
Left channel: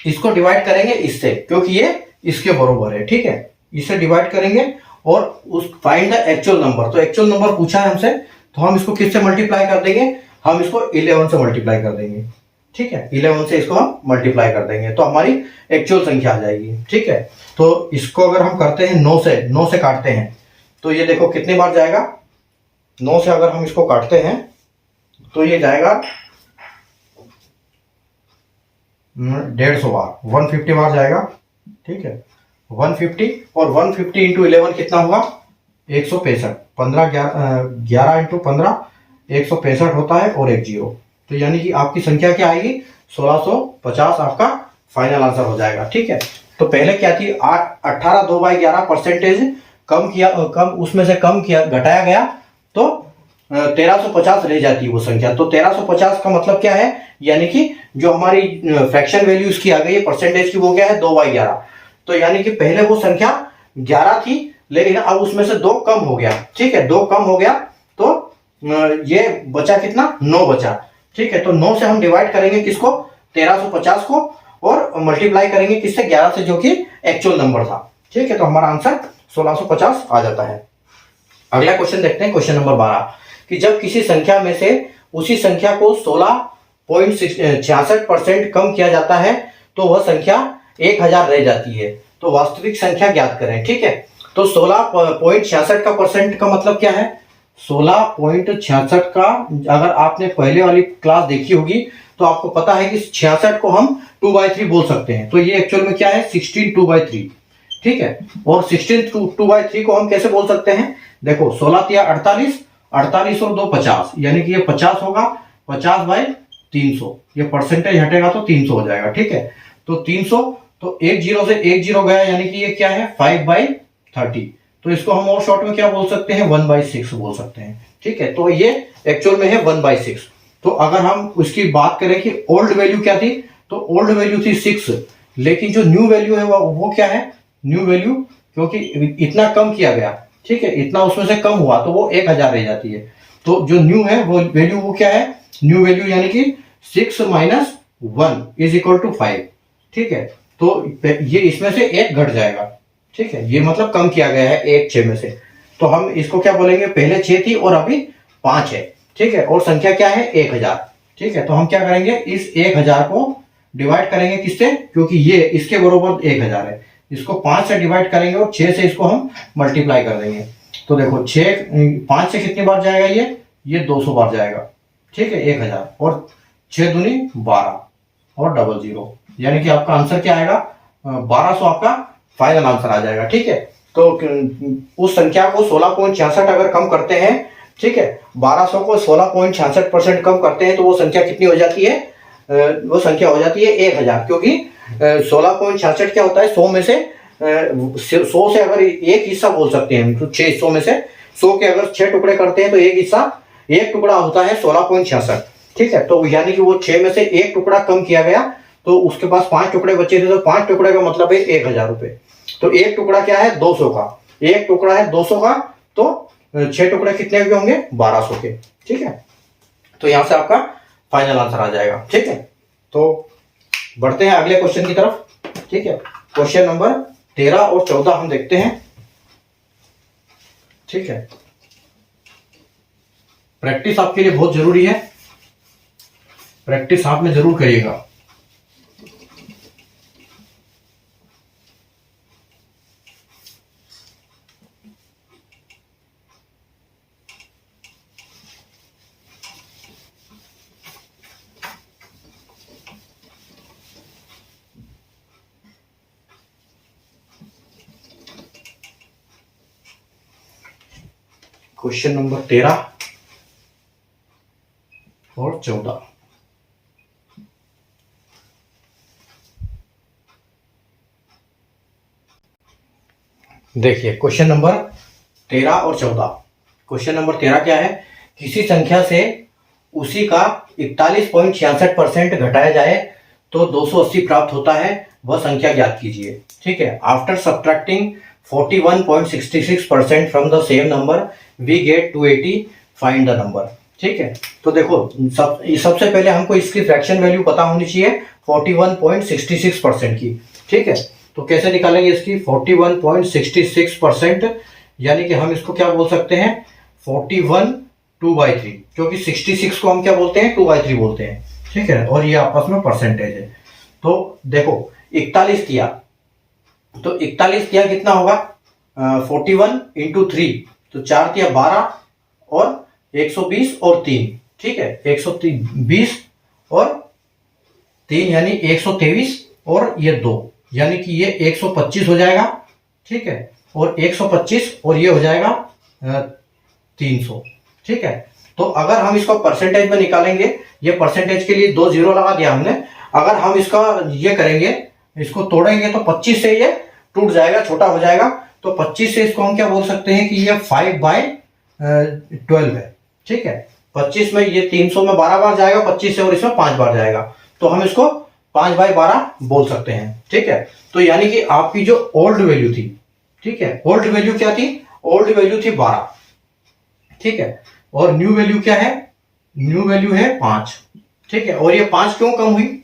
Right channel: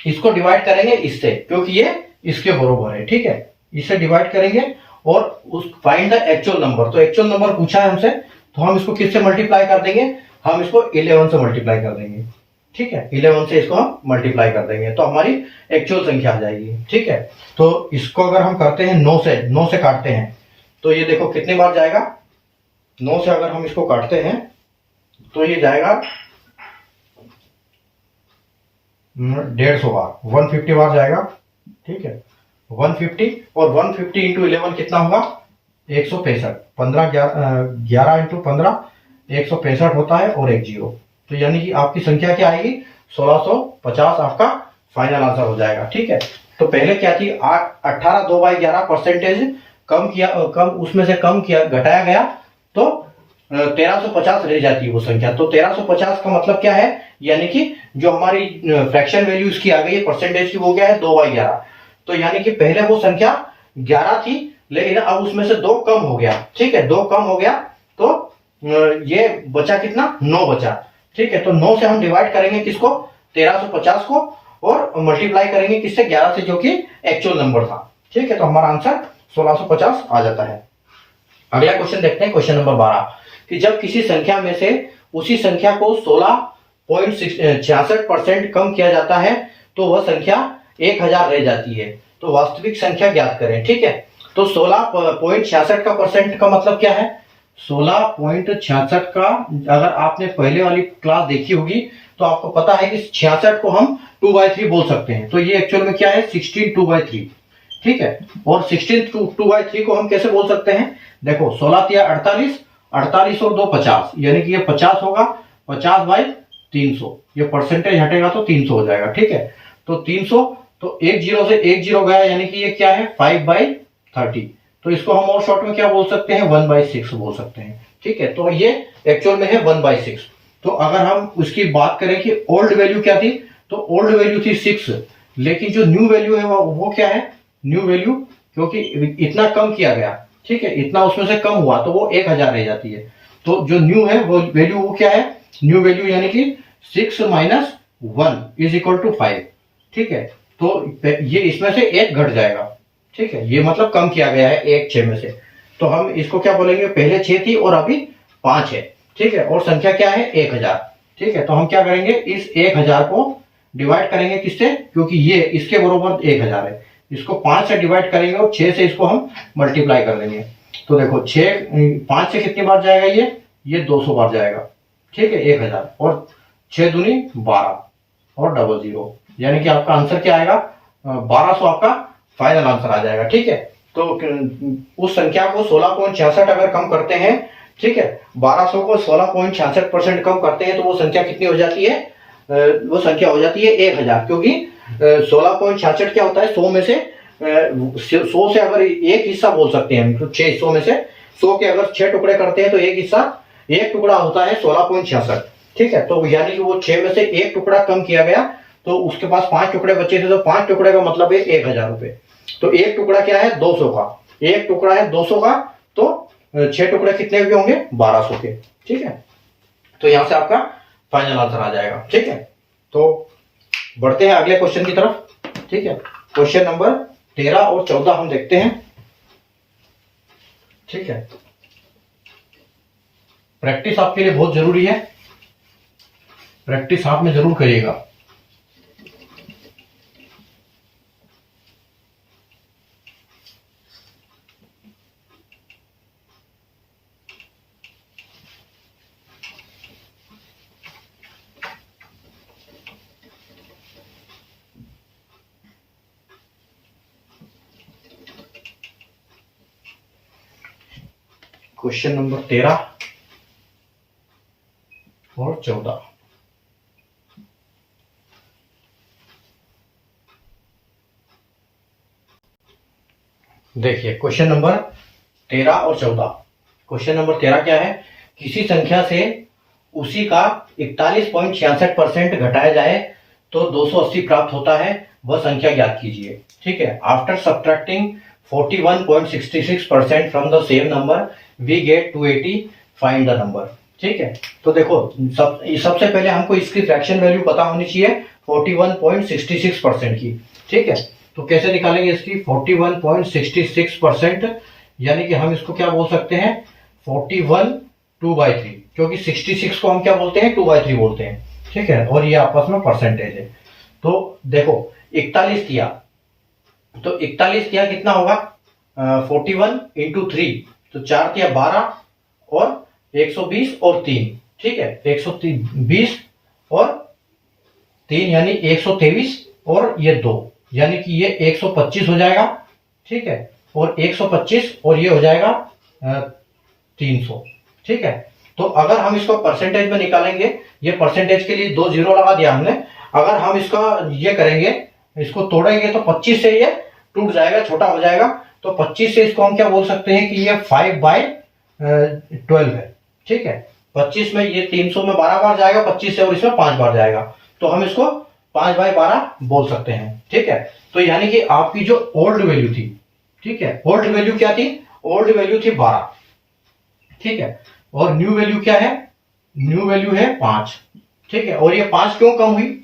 इसको डिवाइड करेंगे इससे, क्योंकि ये इसके बराबर है, ठीक है। इससे डिवाइड करेंगे और उस फाइंड द एक्चुअल नंबर। तो एक्चुअल नंबर पूछा है हमसे, तो हम इसको किससे मल्टीप्लाई कर देंगे, हम इसको 11 से मल्टीप्लाई कर देंगे, ठीक है। 11 से इसको हम मल्टीप्लाई कर देंगे तो हमारी एक्चुअल संख्या आ जाएगी, ठीक है। तो इसको अगर हम करते हैं 9 से काटते हैं तो ये देखो कितनी बार जाएगा, 9 से अगर हम इसको काटते हैं तो ये जाएगा 150 बार, 150 बार जाएगा, ठीक है। 150 और 150 × 11 कितना होगा 165। 11 × 15 165 होता है और एक 0। तो यानी कि आपकी संख्या क्या आएगी 1650, आपका फाइनल आंसर हो जाएगा, ठीक है। तो पहले क्या थी 18/2/11 परसेंटेज कम उसमें से कम किया घटाया गया तो 1350 रह जाती है वो संख्या। तो 1350 का मतलब क्या है, यानी कि जो हमारी फ्रैक्शन वैल्यू इसकी आ गई है परसेंटेज की, वो क्या है 2/11। तो यानी कि पहले वो संख्या 11 थी, लेकिन अब उसमें से 2 कम हो गया, ठीक है, 2 कम हो गया तो ये बचा कितना 9 बचा, ठीक है। तो 9 से हम डिवाइड करेंगे किसको 1350 को और मल्टीप्लाई करेंगे किससे 11 से, जो कि एक्चुअल नंबर था, ठीक है। तो हमारा आंसर 1650 आ जाता है। अगला क्वेश्चन देखते हैं, क्वेश्चन नंबर 12 कि जब किसी संख्या में से उसी संख्या को 16.66% कम किया जाता है तो वह संख्या 1000 रह जाती है। तो वास्तविक संख्या ज्ञात करें, ठीक है। तो 16.66 का परसेंट का मतलब क्या है, 16.66 का अगर आपने पहले वाली क्लास देखी होगी तो आपको पता है कि 66 को हम 2/3 बोल सकते हैं। तो ये एक्चुअल में क्या है 16 2/3, ठीक है। और 16 2/3 को हम कैसे बोल सकते हैं, देखो 16 × 48 48 और 2 50, यानी कि ये 50 होगा, 50/300, ये परसेंटेज हटेगा तो 300 हो जाएगा। ठीक है, तो 300, तो एक जीरो से एक जीरो गया, यानी कि ये क्या है 5/30। तो इसको हम और शॉर्ट में क्या बोल सकते हैं 1/6 बोल सकते हैं। ठीक है, तो ये एक्चुअल में है 1/6। तो अगर हम उसकी बात करें कि ओल्ड वैल्यू क्या थी, तो ओल्ड वैल्यू थी 6, लेकिन जो न्यू वैल्यू है वो क्या है, न्यू वैल्यू, क्योंकि इतना कम किया गया, ठीक है, इतना उसमें से कम हुआ तो वो 1000 रह जाती है। तो जो न्यू है वो वैल्यू वो क्या है, न्यू वैल्यू यानी कि 6 - 1 = 5। ठीक है, तो ये इसमें से एक घट जाएगा। ठीक है, ये मतलब कम किया गया है एक 6 में से। तो हम इसको क्या बोलेंगे, पहले 6 थी और अभी 5 है। ठीक है, और संख्या क्या है 1000। ठीक है, तो हम क्या करेंगे, इस 1000 को डिवाइड करेंगे किससे, क्योंकि ये इसके बरोबर 1000 है, इसको 5 से डिवाइड करेंगे और 6 से इसको हम मल्टीप्लाई कर देंगे। तो देखो 5 से कितनी बार जाएगा, ये 200 बार जाएगा। ठीक है, 1000 और 6 दूनी 12 और 00, यानी कि आपका आंसर क्या आएगा 1200, आपका फाइनल आंसर आ जाएगा। ठीक है, तो उस संख्या को 16.66 अगर कम करते हैं, ठीक है, 1200 को 16.66% कम करते हैं तो वो संख्या कितनी हो जाती है, वो संख्या हो जाती है 1000, क्योंकि 16.66 क्या होता है, 100 में से 100 से अगर एक हिस्सा बोल सकते हैं हम, तो 6 हिस्सों में से 100 के अगर 6 टुकड़े करते हैं तो एक टुकड़ा होता है 16.66। ठीक है, तो यानी कि वो 6 में से एक टुकड़ा कम किया गया, तो उसके पास 5 टुकड़े बचे थे, तो 5 टुकड़े का मतलब है 1000 रुपए। तो एक टुकड़ा क्या है 200 का, एक टुकड़ा है 200 का, तो 6 टुकड़े कितने के होंगे 1200 के। ठीक है, तो यहां से आपका फाइनल आंसर आ जाएगा। ठीक है, तो बढ़ते हैं अगले क्वेश्चन की तरफ। ठीक है, क्वेश्चन नंबर 13 और 14 हम देखते हैं। ठीक है, प्रैक्टिस आपके लिए बहुत जरूरी है, प्रैक्टिस आप में जरूर करिएगा। क्वेश्चन नंबर 13 और 14, देखिए क्वेश्चन नंबर 13 और 14। क्वेश्चन नंबर 13 क्या है, किसी संख्या से उसी का 41.66% घटाया जाए तो 280 प्राप्त होता है, वह संख्या ज्ञात कीजिए। ठीक है, after subtracting 41.66% from the same number we get 280, find the number. ठीक है, तो देखो सबसे पहले हमको इसकी फ्रैक्शन वैल्यू पता होनी चाहिए 41.66% की। ठीक है, तो कैसे निकालेंगे इसकी 41.66%, यानी कि हम इसको क्या बोल सकते हैं 41 2/3, क्योंकि 66 को हम क्या बोलते हैं 2/3 बोलते हैं। ठीक है, और ये आपस में परसेंटेज है। तो देखो 41 किया, तो 41 किया कितना होगा 41 × 3, तो 4 किया 12 और 120 और 3। ठीक है, 120 और 3 यानी 123 और ये 2, यानी कि ये 125 हो जाएगा। ठीक है, और 125 और ये हो जाएगा 300। ठीक है, तो अगर हम इसको परसेंटेज में निकालेंगे, ये परसेंटेज के लिए 2 0 लगा दिया हमने, अगर हम इसका ये करेंगे, इसको तोड़ेंगे तो 25 से ये टूट जाएगा, छोटा हो जाएगा। तो 25 से इसको हम क्या बोल सकते हैं कि ये 5/12 है। ठीक है, 25 में ये 300 में 12 बार जाएगा 25 से, और इसमें 5 बार जाएगा, तो हम इसको 5/12 बोल सकते हैं। ठीक है, तो यानी कि आपकी जो ओल्ड वैल्यू थी, ठीक है, ओल्ड वैल्यू क्या थी, ओल्ड वैल्यू थी 12। ठीक है, और न्यू वैल्यू क्या है, न्यू वैल्यू है 5। ठीक है, और ये 5 क्यों कम हुई,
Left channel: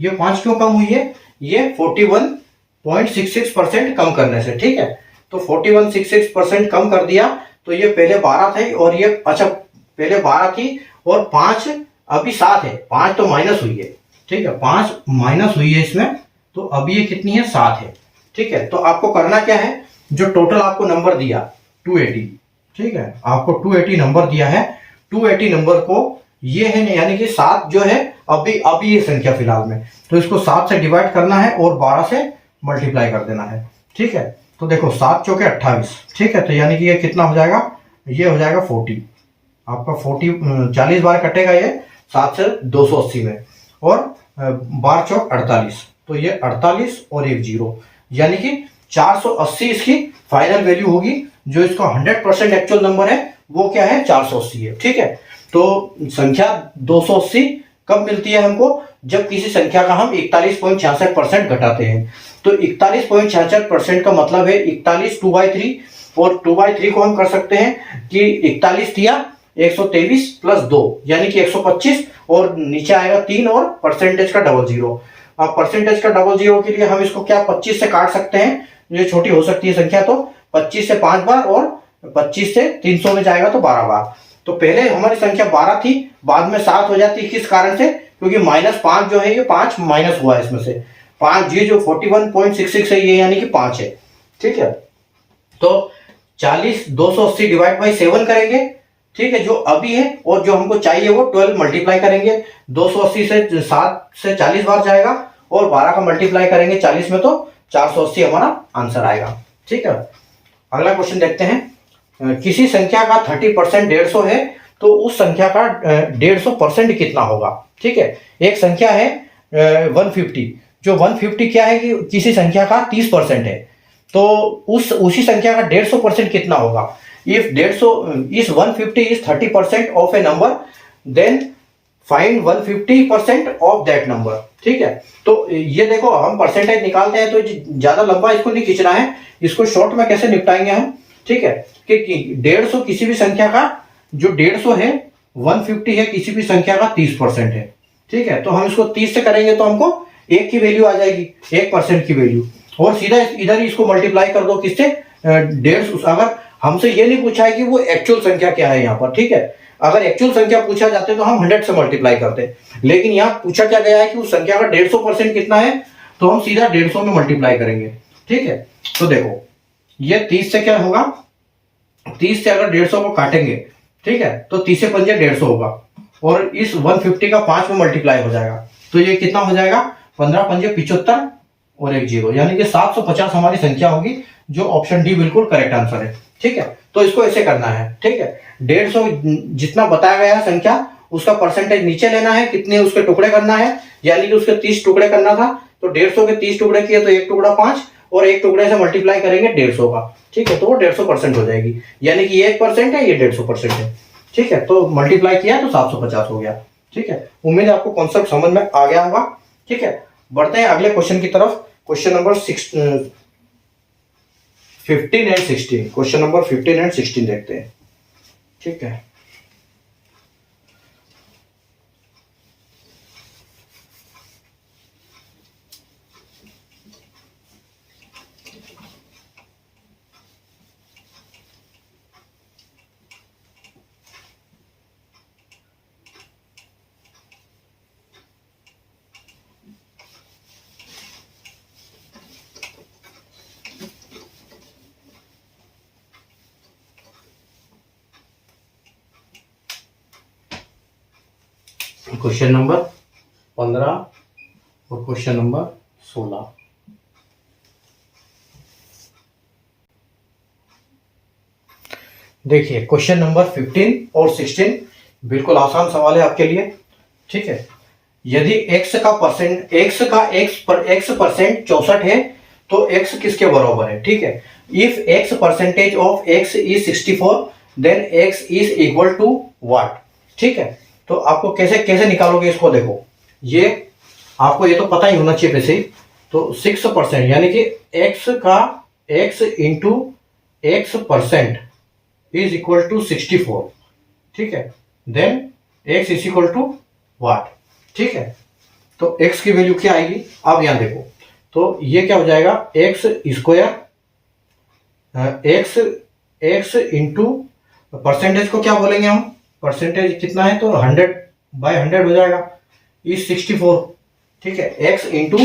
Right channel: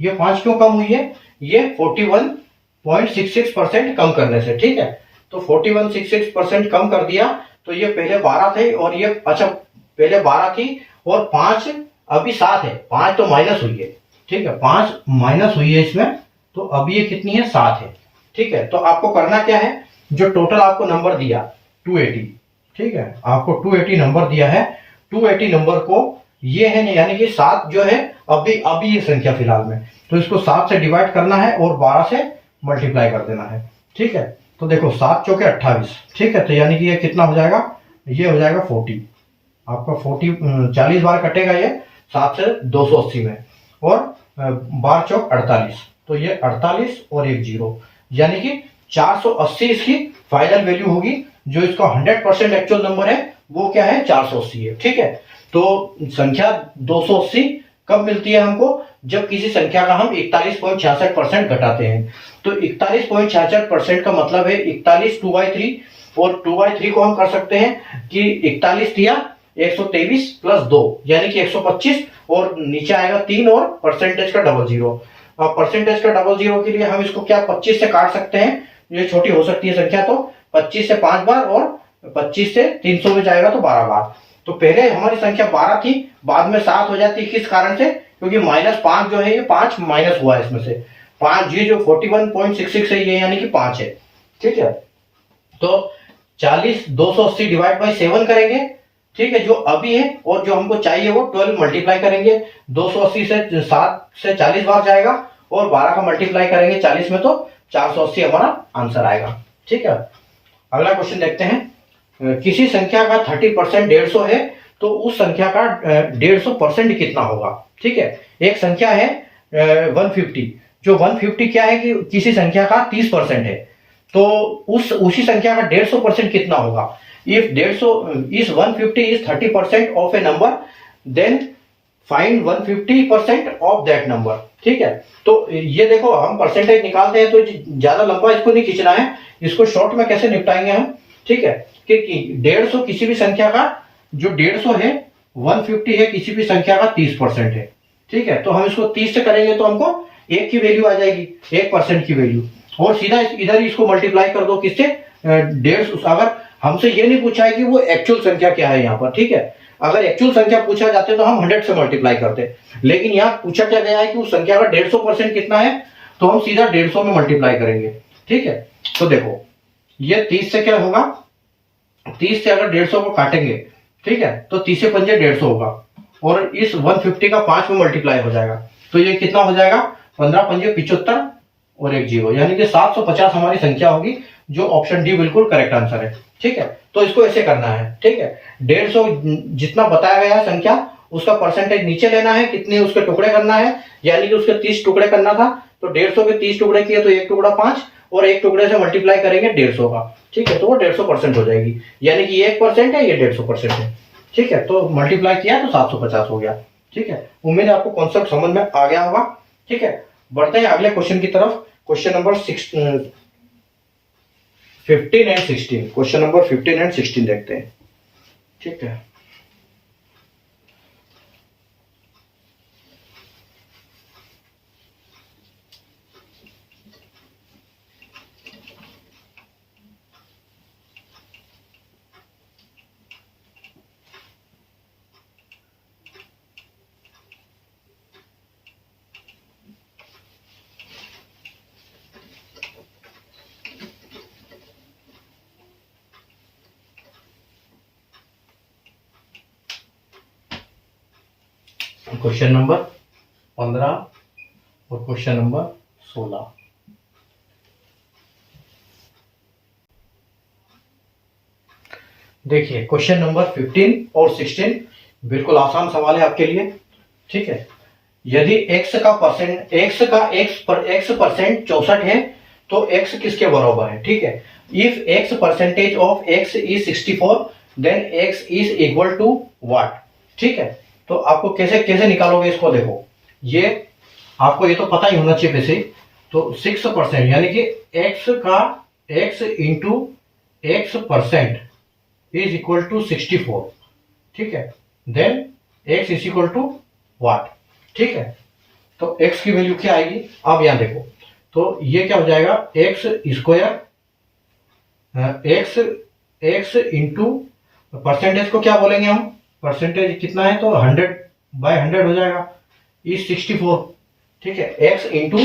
ये 5 क्यों कम हुई है, ये 41.66% कम करने से। ठीक है, तो 41.66% कम कर दिया, तो ये पहले 12 थे और ये, अच्छा पहले 12 थी और 5 अभी 7 है, 5 तो माइनस हुई है। ठीक है, 5 माइनस हुई है इसमें, तो अभी ये कितनी है 7 है। ठीक है, तो आपको करना क्या है, जो टोटल आपको नंबर दिया 280, ठीक है, आपको 280 नंबर दिया है, 280 नंबर को ये है, यानी कि 7 जो है अभी ये संख्या फिलहाल में, तो इसको 7 से डिवाइड करना है और 12 से मल्टीप्लाई कर देना है। ठीक है, तो देखो 7 चौके 28। ठीक है, तो यानी कि ये कितना हो जाएगा, ये हो जाएगा 40। आपका 40 बार कटेगा ये 7 से 280 में, और बार चौक 48, तो ये 48 और एक जीरो, यानी कि 480 इसकी फाइनल वैल्यू होगी। जो इसका 100% एक्चुअल नंबर है वो क्या है, 480 है। ठीक है, तो संख्या 280 कब मिलती है हमको, जब किसी संख्या का हम 41.66% घटाते हैं। तो 41.66% का मतलब है 41 2/3, और 2/3 को हम कर सकते हैं कि 41 दिया 123 प्लस 2 यानी कि 125, और नीचे आएगा 3 और परसेंटेज का डबल जीरो। अब परसेंटेज का डबल जीरो के लिए हम इसको क्या 25 से काट सकते हैं, ये छोटी हो सकती है संख्या, तो 25 से 5 बार और 25 से 300 में जाएगा तो 12 बार। तो पहले हमारी संख्या 12 थी, बाद में 7 हो जाती है, किस कारण से, क्योंकि -5 जो है ये 5 माइनस हुआ है इसमें से 5, ये जो 41.66 है ये यानी कि 5 है। ठीक है, तो 280 डिवाइड बाई 7 करेंगे। ठीक है, जो अभी है, और जो हमको चाहिए वो 12 मल्टीप्लाई करेंगे। 280 से 7 से 40 बार जाएगा, और 12 का मल्टीप्लाई करेंगे 40 में तो 480 हमारा आंसर आएगा। ठीक है, अगला क्वेश्चन देखते हैं। किसी संख्या का 30% 150 है, तो उस संख्या का 150% कितना होगा। ठीक है, एक संख्या है 150, जो 150 क्या है कि किसी संख्या का 30% है, तो उसी संख्या का 150% कितना होगा। If 150 is 30% of a number, then find 150% of that number. ठीक है, तो ये देखो हम परसेंटेज निकालते हैं तो ज्यादा लंबा इसको नहीं खींचना है, इसको शॉर्ट में कैसे निपटाएंगे हम। ठीक है, कि 150 किसी भी संख्या का, जो 150 है 150 है किसी भी संख्या का 30% है। ठीक है, तो हम इसको 30 से करेंगे तो हमको 1 की वैल्यू आ जाएगी, 1% की वैल्यू, और सीधा इधर इसको मल्टीप्लाई कर दो किससे, 150। अगर हमसे ये नहीं पूछा है कि वो एक्चुअल संख्या क्या है यहाँ पर। ठीक है, अगर एक्चुअल संख्या पूछा जाते तो हम 100 से मल्टीप्लाई करते, लेकिन यहाँ पूछा क्या गया है कि उस संख्या का 150% कितना है, तो हम सीधा 150 में मल्टीप्लाई करेंगे। ठीक है, तो देखो ये 30 से क्या होगा, 30 से अगर 150 को काटेंगे, ठीक है, तो 30 से 5 150 होगा, और इस 150 का 5 में मल्टीप्लाई हो जाएगा, तो ये कितना हो जाएगा, 15 5 75 और एक जीरो, यानी कि 750 हमारी संख्या होगी, जो ऑप्शन डी बिल्कुल करेक्ट आंसर है। ठीक है, तो इसको ऐसे करना है। ठीक है, 150 जितना बताया गया है संख्या, उसका परसेंटेज नीचे लेना है, कितने उसके टुकड़े करना है, यानी कि उसके 30 टुकड़े करना था, तो 150 के 30 टुकड़े किए तो एक टुकड़ा 5, और एक टुकड़े से मल्टीप्लाई करेंगे 150 का। ठीक है, तो वो 150% हो जाएगी, यानी कि 1% है, ये 150% है। ठीक है, तो मल्टीप्लाई किया तो 750 हो गया। ठीक है, उम्मीद है आपको कॉन्सेप्ट समझ में आ गया होगा। ठीक है, बढ़ते हैं अगले क्वेश्चन की तरफ। Question number 15 and 16, question number 15 and 16 देखते हैं। ठीक है, क्वेश्चन नंबर 15 और क्वेश्चन नंबर 16। देखिए क्वेश्चन नंबर 15 और 16 बिल्कुल आसान सवाल है आपके लिए। ठीक है, यदि x का परसेंट 64 है, तो x किसके बराबर है। ठीक है, if x percentage of x is 64, then x is equal to what. ठीक है, तो आपको कैसे कैसे निकालोगे इसको, देखो ये आपको ये तो पता ही होना चाहिए वैसे। तो 6% यानी कि x into x percent is equal to 64। ठीक है, then x is equal to what. ठीक है, तो x की वैल्यू क्या आएगी, अब यहां देखो, तो ये क्या हो जाएगा, x square x into percentage को क्या बोलेंगे हम, परसेंटेज कितना है, तो 100/100 हो जाएगा, इज 64। ठीक है, x into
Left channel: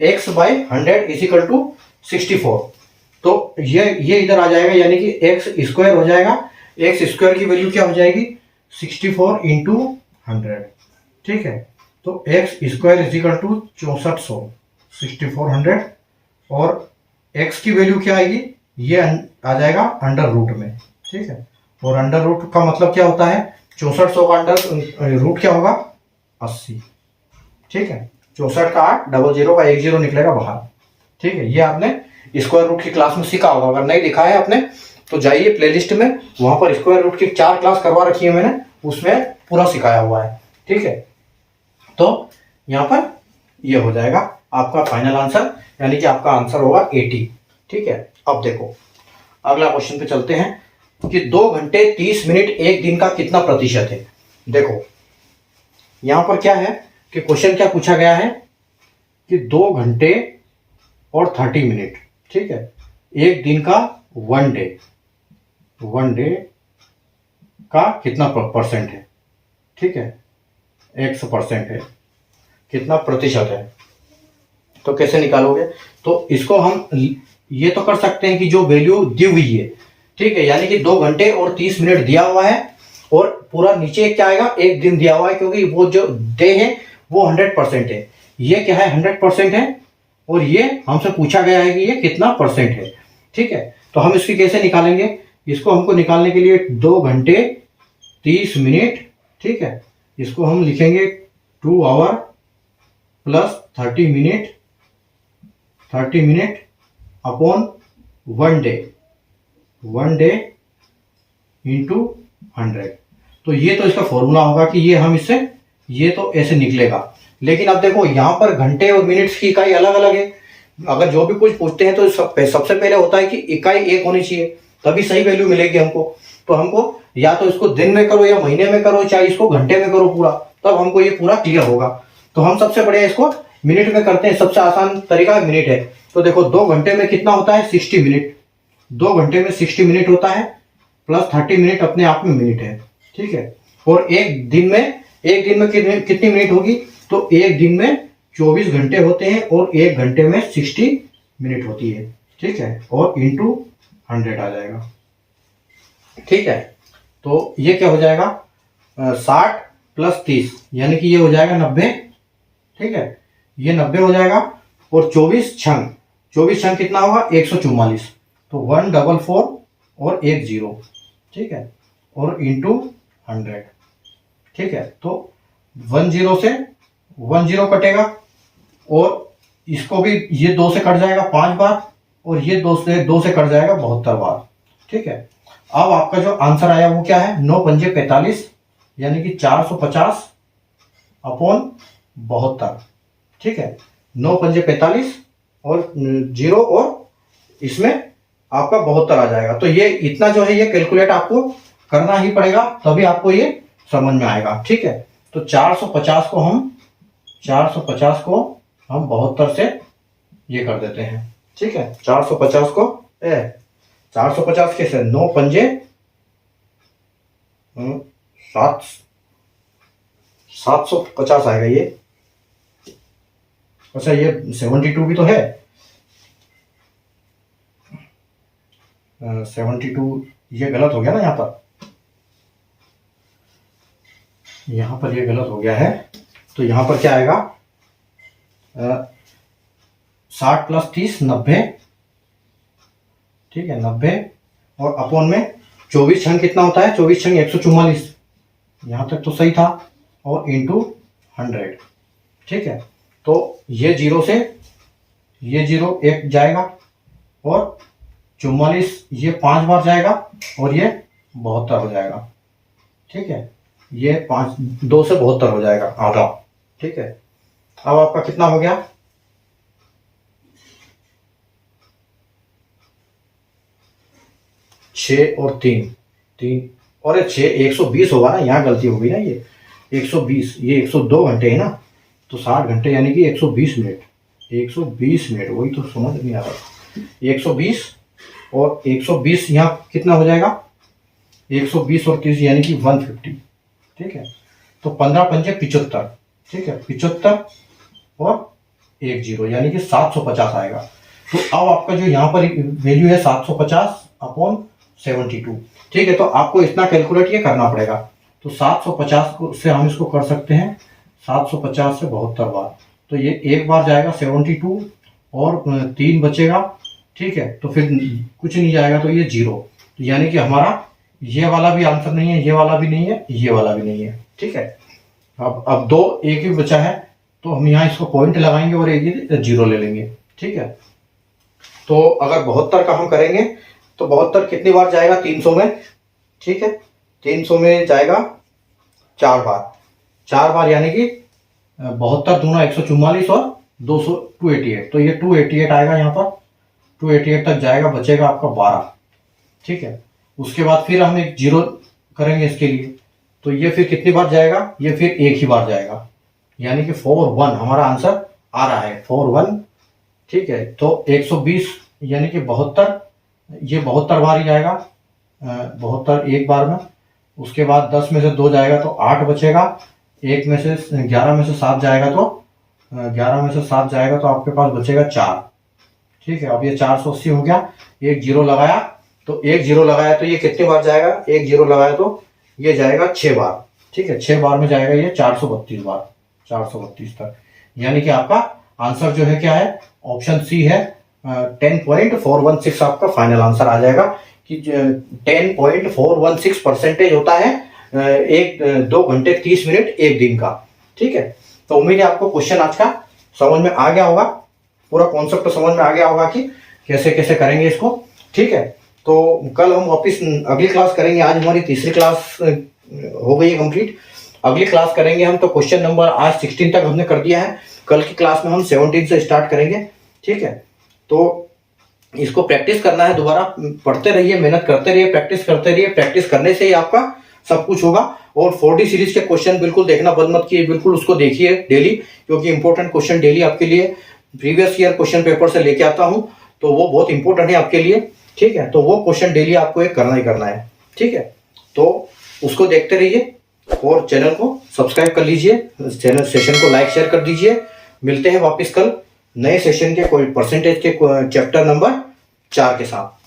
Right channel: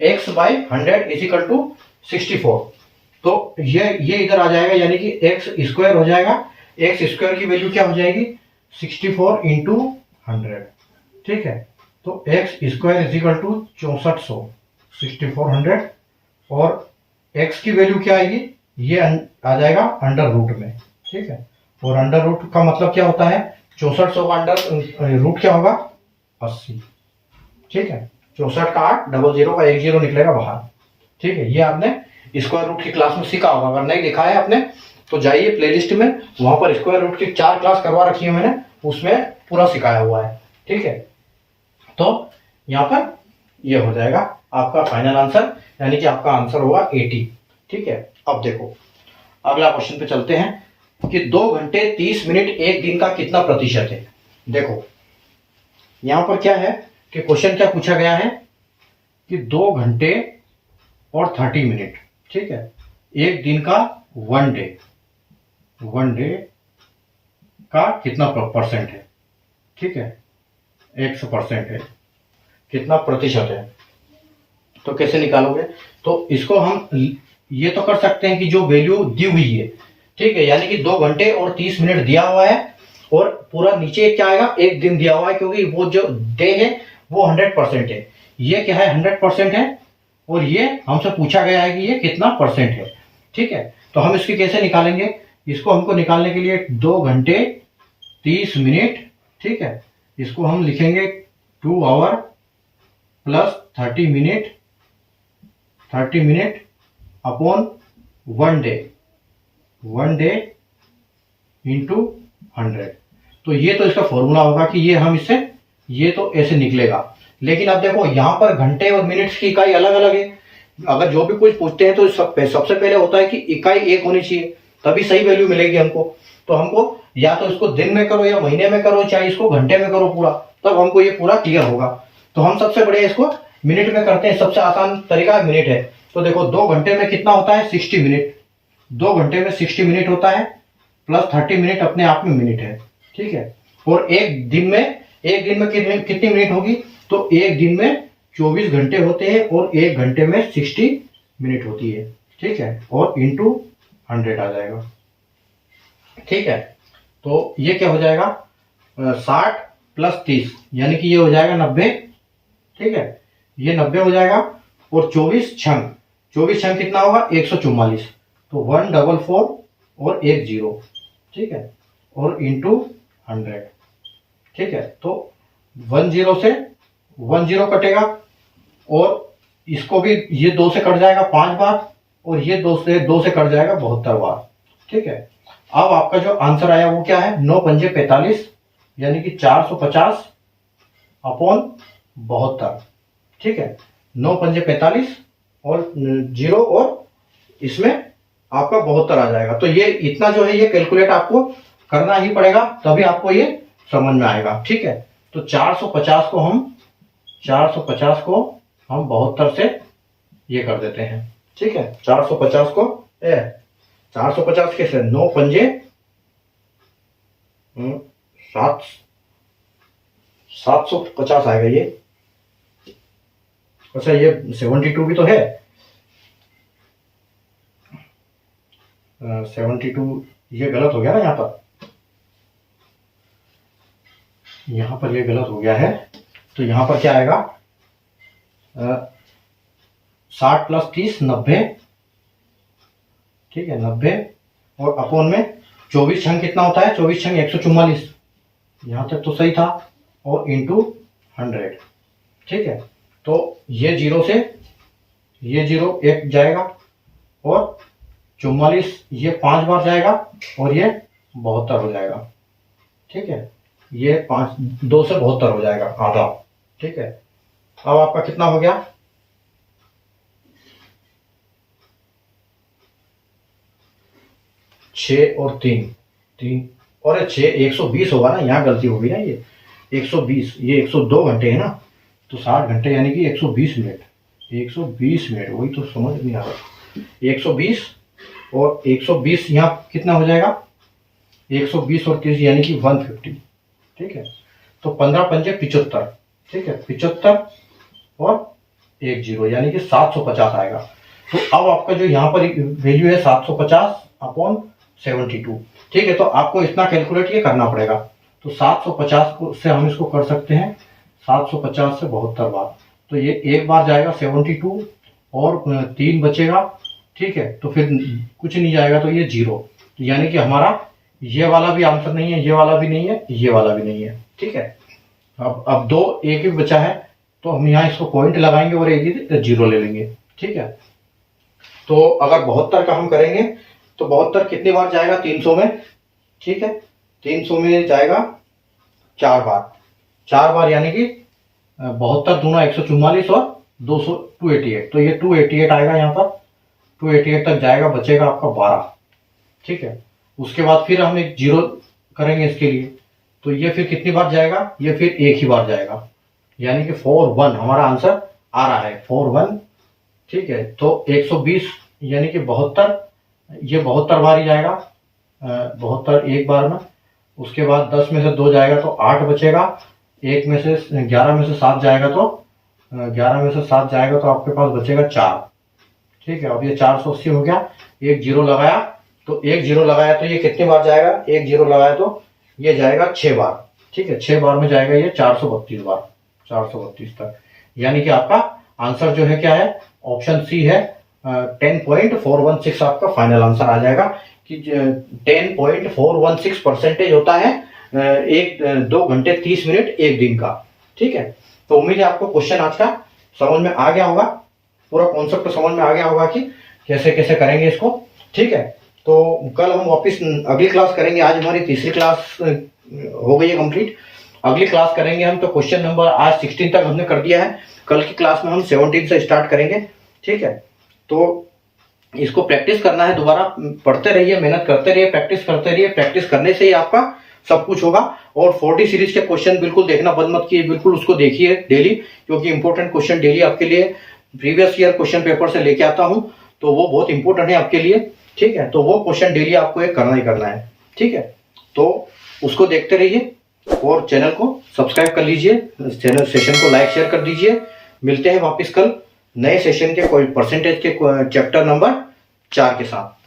x by 100 is equal to 64। तो ये इधर आ जाएगा, यानी कि एक्स स्क्वायर हो जाएगा। एक्स स्क्वायर की वैल्यू क्या हो जाएगी, 64 इंटू 100। ठीक है, तो x square is equal to 6400, 6400, और एक्स की वैल्यू क्या आएगी, ये आ जाएगा अंडर रूट में। ठीक है, और अंडर रूट का मतलब क्या होता है, 6400 का अंडर रूट क्या होगा 80। ठीक है, 64 का 8, 00 का 10 निकलेगा बाहर। ठीक है, ये आपने स्क्वायर रूट की क्लास में सीखा होगा। अगर नहीं दिखा है आपने तो जाइए प्लेलिस्ट में, वहां पर स्क्वायर रूट की 4 क्लास करवा रखी है मैंने, उसमें पूरा सिखाया हुआ है। ठीक है, तो यहाँ पर ये हो जाएगा आपका फाइनल आंसर, यानी कि आपका आंसर होगा 80। ठीक है, अब देखो अगला क्वेश्चन पे चलते हैं कि 2 घंटे 30 मिनट एक दिन का कितना प्रतिशत है। देखो यहां पर क्या है कि क्वेश्चन क्या पूछा गया है कि 2 घंटे और 30 मिनट, ठीक है, एक दिन का वन डे का कितना परसेंट है। ठीक है, 100% है, कितना प्रतिशत है, तो कैसे निकालोगे। तो इसको हम ये तो कर सकते हैं कि जो वैल्यू दी हुई है, ठीक है, यानी कि 2 घंटे और 30 मिनट दिया हुआ है और पूरा नीचे क्या आएगा, एक दिन दिया हुआ है, क्योंकि वो जो डे है वो 100% है। ये क्या है 100% है, और ये हमसे पूछा गया है कि ये कितना परसेंट है। ठीक है, तो हम इसकी कैसे निकालेंगे, इसको हमको निकालने के लिए 2 घंटे 30 मिनट, ठीक है, इसको हम लिखेंगे 2 hour plus 30 minute upon one day into 100। तो ये तो इसका फॉर्मूला होगा कि ये हम इससे ये तो ऐसे निकलेगा। लेकिन अब देखो यहाँ पर घंटे और मिनट्स की इकाई अलग अलग है। अगर जो भी कुछ पूछते हैं तो सबसे पहले होता है कि इकाई एक होनी चाहिए, तभी सही वैल्यू मिलेगी हमको। तो हमको या तो इसको दिन में करो या महीने में करो, चाहे इसको घंटे में करो पूरा, तब हमको ये पूरा क्लियर होगा। तो हम सबसे बढ़िया इसको मिनट में करते हैं, सबसे आसान तरीका मिनट है। तो देखो 2 घंटे में कितना होता है 60 मिनट, 2 घंटे में 60 मिनट होता है, प्लस 30 मिनट अपने आप में मिनट है। ठीक है, और एक दिन में कितनी मिनट होगी, तो एक दिन में 24 घंटे होते हैं और एक घंटे में 60 मिनट होती है। ठीक है, और इंटू 100 आ जाएगा। ठीक है, तो ये क्या हो जाएगा 60 प्लस 30, यानी कि ये हो जाएगा 90। ठीक है, ये 90 हो जाएगा, और 24 छंग कितना होगा 144, तो 144 और 10। ठीक है, और इंटू 100। ठीक है, तो 10 से 10 कटेगा, और इसको भी ये 2 से कट जाएगा 5 बार, और ये 2 से कट जाएगा 72 बार। ठीक है, अब आपका जो आंसर आया वो क्या है 9 पंजे 45, यानी कि 450 अपॉन 72। ठीक है, 9 पंजे 45 और 0, और इसमें आपका 72 आ जाएगा। तो ये इतना जो है ये कैलकुलेट आपको करना ही पड़ेगा, तभी आपको ये समझ में आएगा। ठीक है, तो 450 को हम 72 से ये कर देते हैं। ठीक है, 450 को 450 कैसे 9 पंजे 750 आएगा ये। अच्छा, ये 72 भी तो है, 72 ये गलत हो गया ना, यहाँ पर ये गलत हो गया है। तो यहाँ पर क्या आएगा 60 प्लस 30 90। ठीक है, 90, और अपोन में 24 छंग कितना होता है, 24 छंग 144, यहाँ तक तो सही था, और इंटू 100। ठीक है, तो ये 0 से ये 0 एक जाएगा, और 44 ये 5 बार जाएगा, और ये 72 हो जाएगा। ठीक है, ये 2 से 72 हो जाएगा आधा। ठीक है, अब आपका कितना हो गया 6 और 3 और 6 120 होगा ना, यहाँ गलती होगी ना, ये 120, ये 102 घंटे है ना, तो 60 घंटे यानी कि 120 मिनट, 120 मिनट, वही तो समझ नहीं आ रहा। 120 और 120 यहाँ कितना हो जाएगा 120 और 30 यानी कि 150। ठीक है, तो 15 पंजे 75। ठीक है, 75 और 10 यानी कि 750 आएगा। तो अब आपका जो यहाँ पर वैल्यू है 750 अपॉन 72। ठीक है, तो आपको इतना कैलकुलेट ये करना पड़ेगा। तो 750 को से हम इसको कर सकते हैं 750 से 72 बार, तो ये एक बार जाएगा 72 और 3 बचेगा। ठीक है, तो फिर कुछ नहीं जाएगा, तो ये 0, तो यानी कि हमारा ये वाला भी आंसर नहीं है, ये वाला भी नहीं है, ये वाला भी नहीं है। ठीक है, अब दो एक ही बचा है, तो हम यहाँ इसको पॉइंट लगाएंगे और एक ही जीरो ले लेंगे। ठीक है, तो अगर 72 का हम करेंगे तो 72 कितनी बार जाएगा 300 में। ठीक है, 300 में जाएगा 4 बार, 4 बार, यानी कि 72 दूना 144 और 200 288, तो ये 288 आएगा यहाँ पर, 288 तक जाएगा, बचेगा आपका 12। ठीक है, उसके बाद फिर हम एक जीरो करेंगे इसके लिए, तो ये फिर कितनी बार जाएगा, ये फिर एक ही बार जाएगा, यानी कि 41 हमारा आंसर आ रहा है, 41। ठीक है, तो 120 यानी कि 72, ये 72 बार ही जाएगा, 72 एक बार में। उसके बाद 10 में से 2 जाएगा तो 8 बचेगा, 11 में से 7 जाएगा तो 11 में से 7 जाएगा तो आपके पास बचेगा 4। ठीक है, अब ये 480 हो गया, एक जीरो लगाया, तो एक जीरो लगाया तो ये कितनी बार जाएगा, एक जीरो लगाया तो ये जाएगा 6 बार। ठीक है, 6 बार में जाएगा ये 432 बार, 432 तक, यानी कि आपका आंसर जो है क्या है, ऑप्शन सी है, 10.416 आपका फाइनल आंसर आ जाएगा कि 10.416% होता है 2 घंटे 30 मिनट एक दिन का। ठीक है, तो उम्मीद है आपको क्वेश्चन आज का समझ में आ गया होगा, पूरा कॉन्सेप्ट समझ में आ गया होगा कि कैसे कैसे करेंगे इसको। ठीक है, तो कल हम वापस अगली क्लास करेंगे, आज हमारी तीसरी क्लास हो गई है कंप्लीट। अगली क्लास करेंगे हम, तो क्वेश्चन नंबर आज 16 तक हमने कर दिया है, कल की क्लास में हम 17 से स्टार्ट करेंगे। ठीक है, तो इसको प्रैक्टिस करना है, दोबारा पढ़ते रहिए, मेहनत करते रहिए, प्रैक्टिस करते रहिए, प्रैक्टिस करने से ही आपका सब कुछ होगा। और 4D सीरीज के क्वेश्चन बिल्कुल देखना बंद मत कीजिए, बिल्कुल उसको देखिए डेली, क्योंकि इंपॉर्टेंट क्वेश्चन डेली आपके लिए प्रीवियस ईयर क्वेश्चन पेपर से लेके आता हूं, तो वो बहुत इंपॉर्टेंट है आपके लिए। ठीक है, तो वो क्वेश्चन डेली आपको एक करना ही करना है। ठीक है, तो उसको देखते रहिए और चैनल को सब्सक्राइब कर लीजिए, चैनल सेशन को लाइक शेयर कर दीजिए। मिलते हैं वापस कल नए सेशन के कोई परसेंटेज के चैप्टर नंबर 4 के साथ।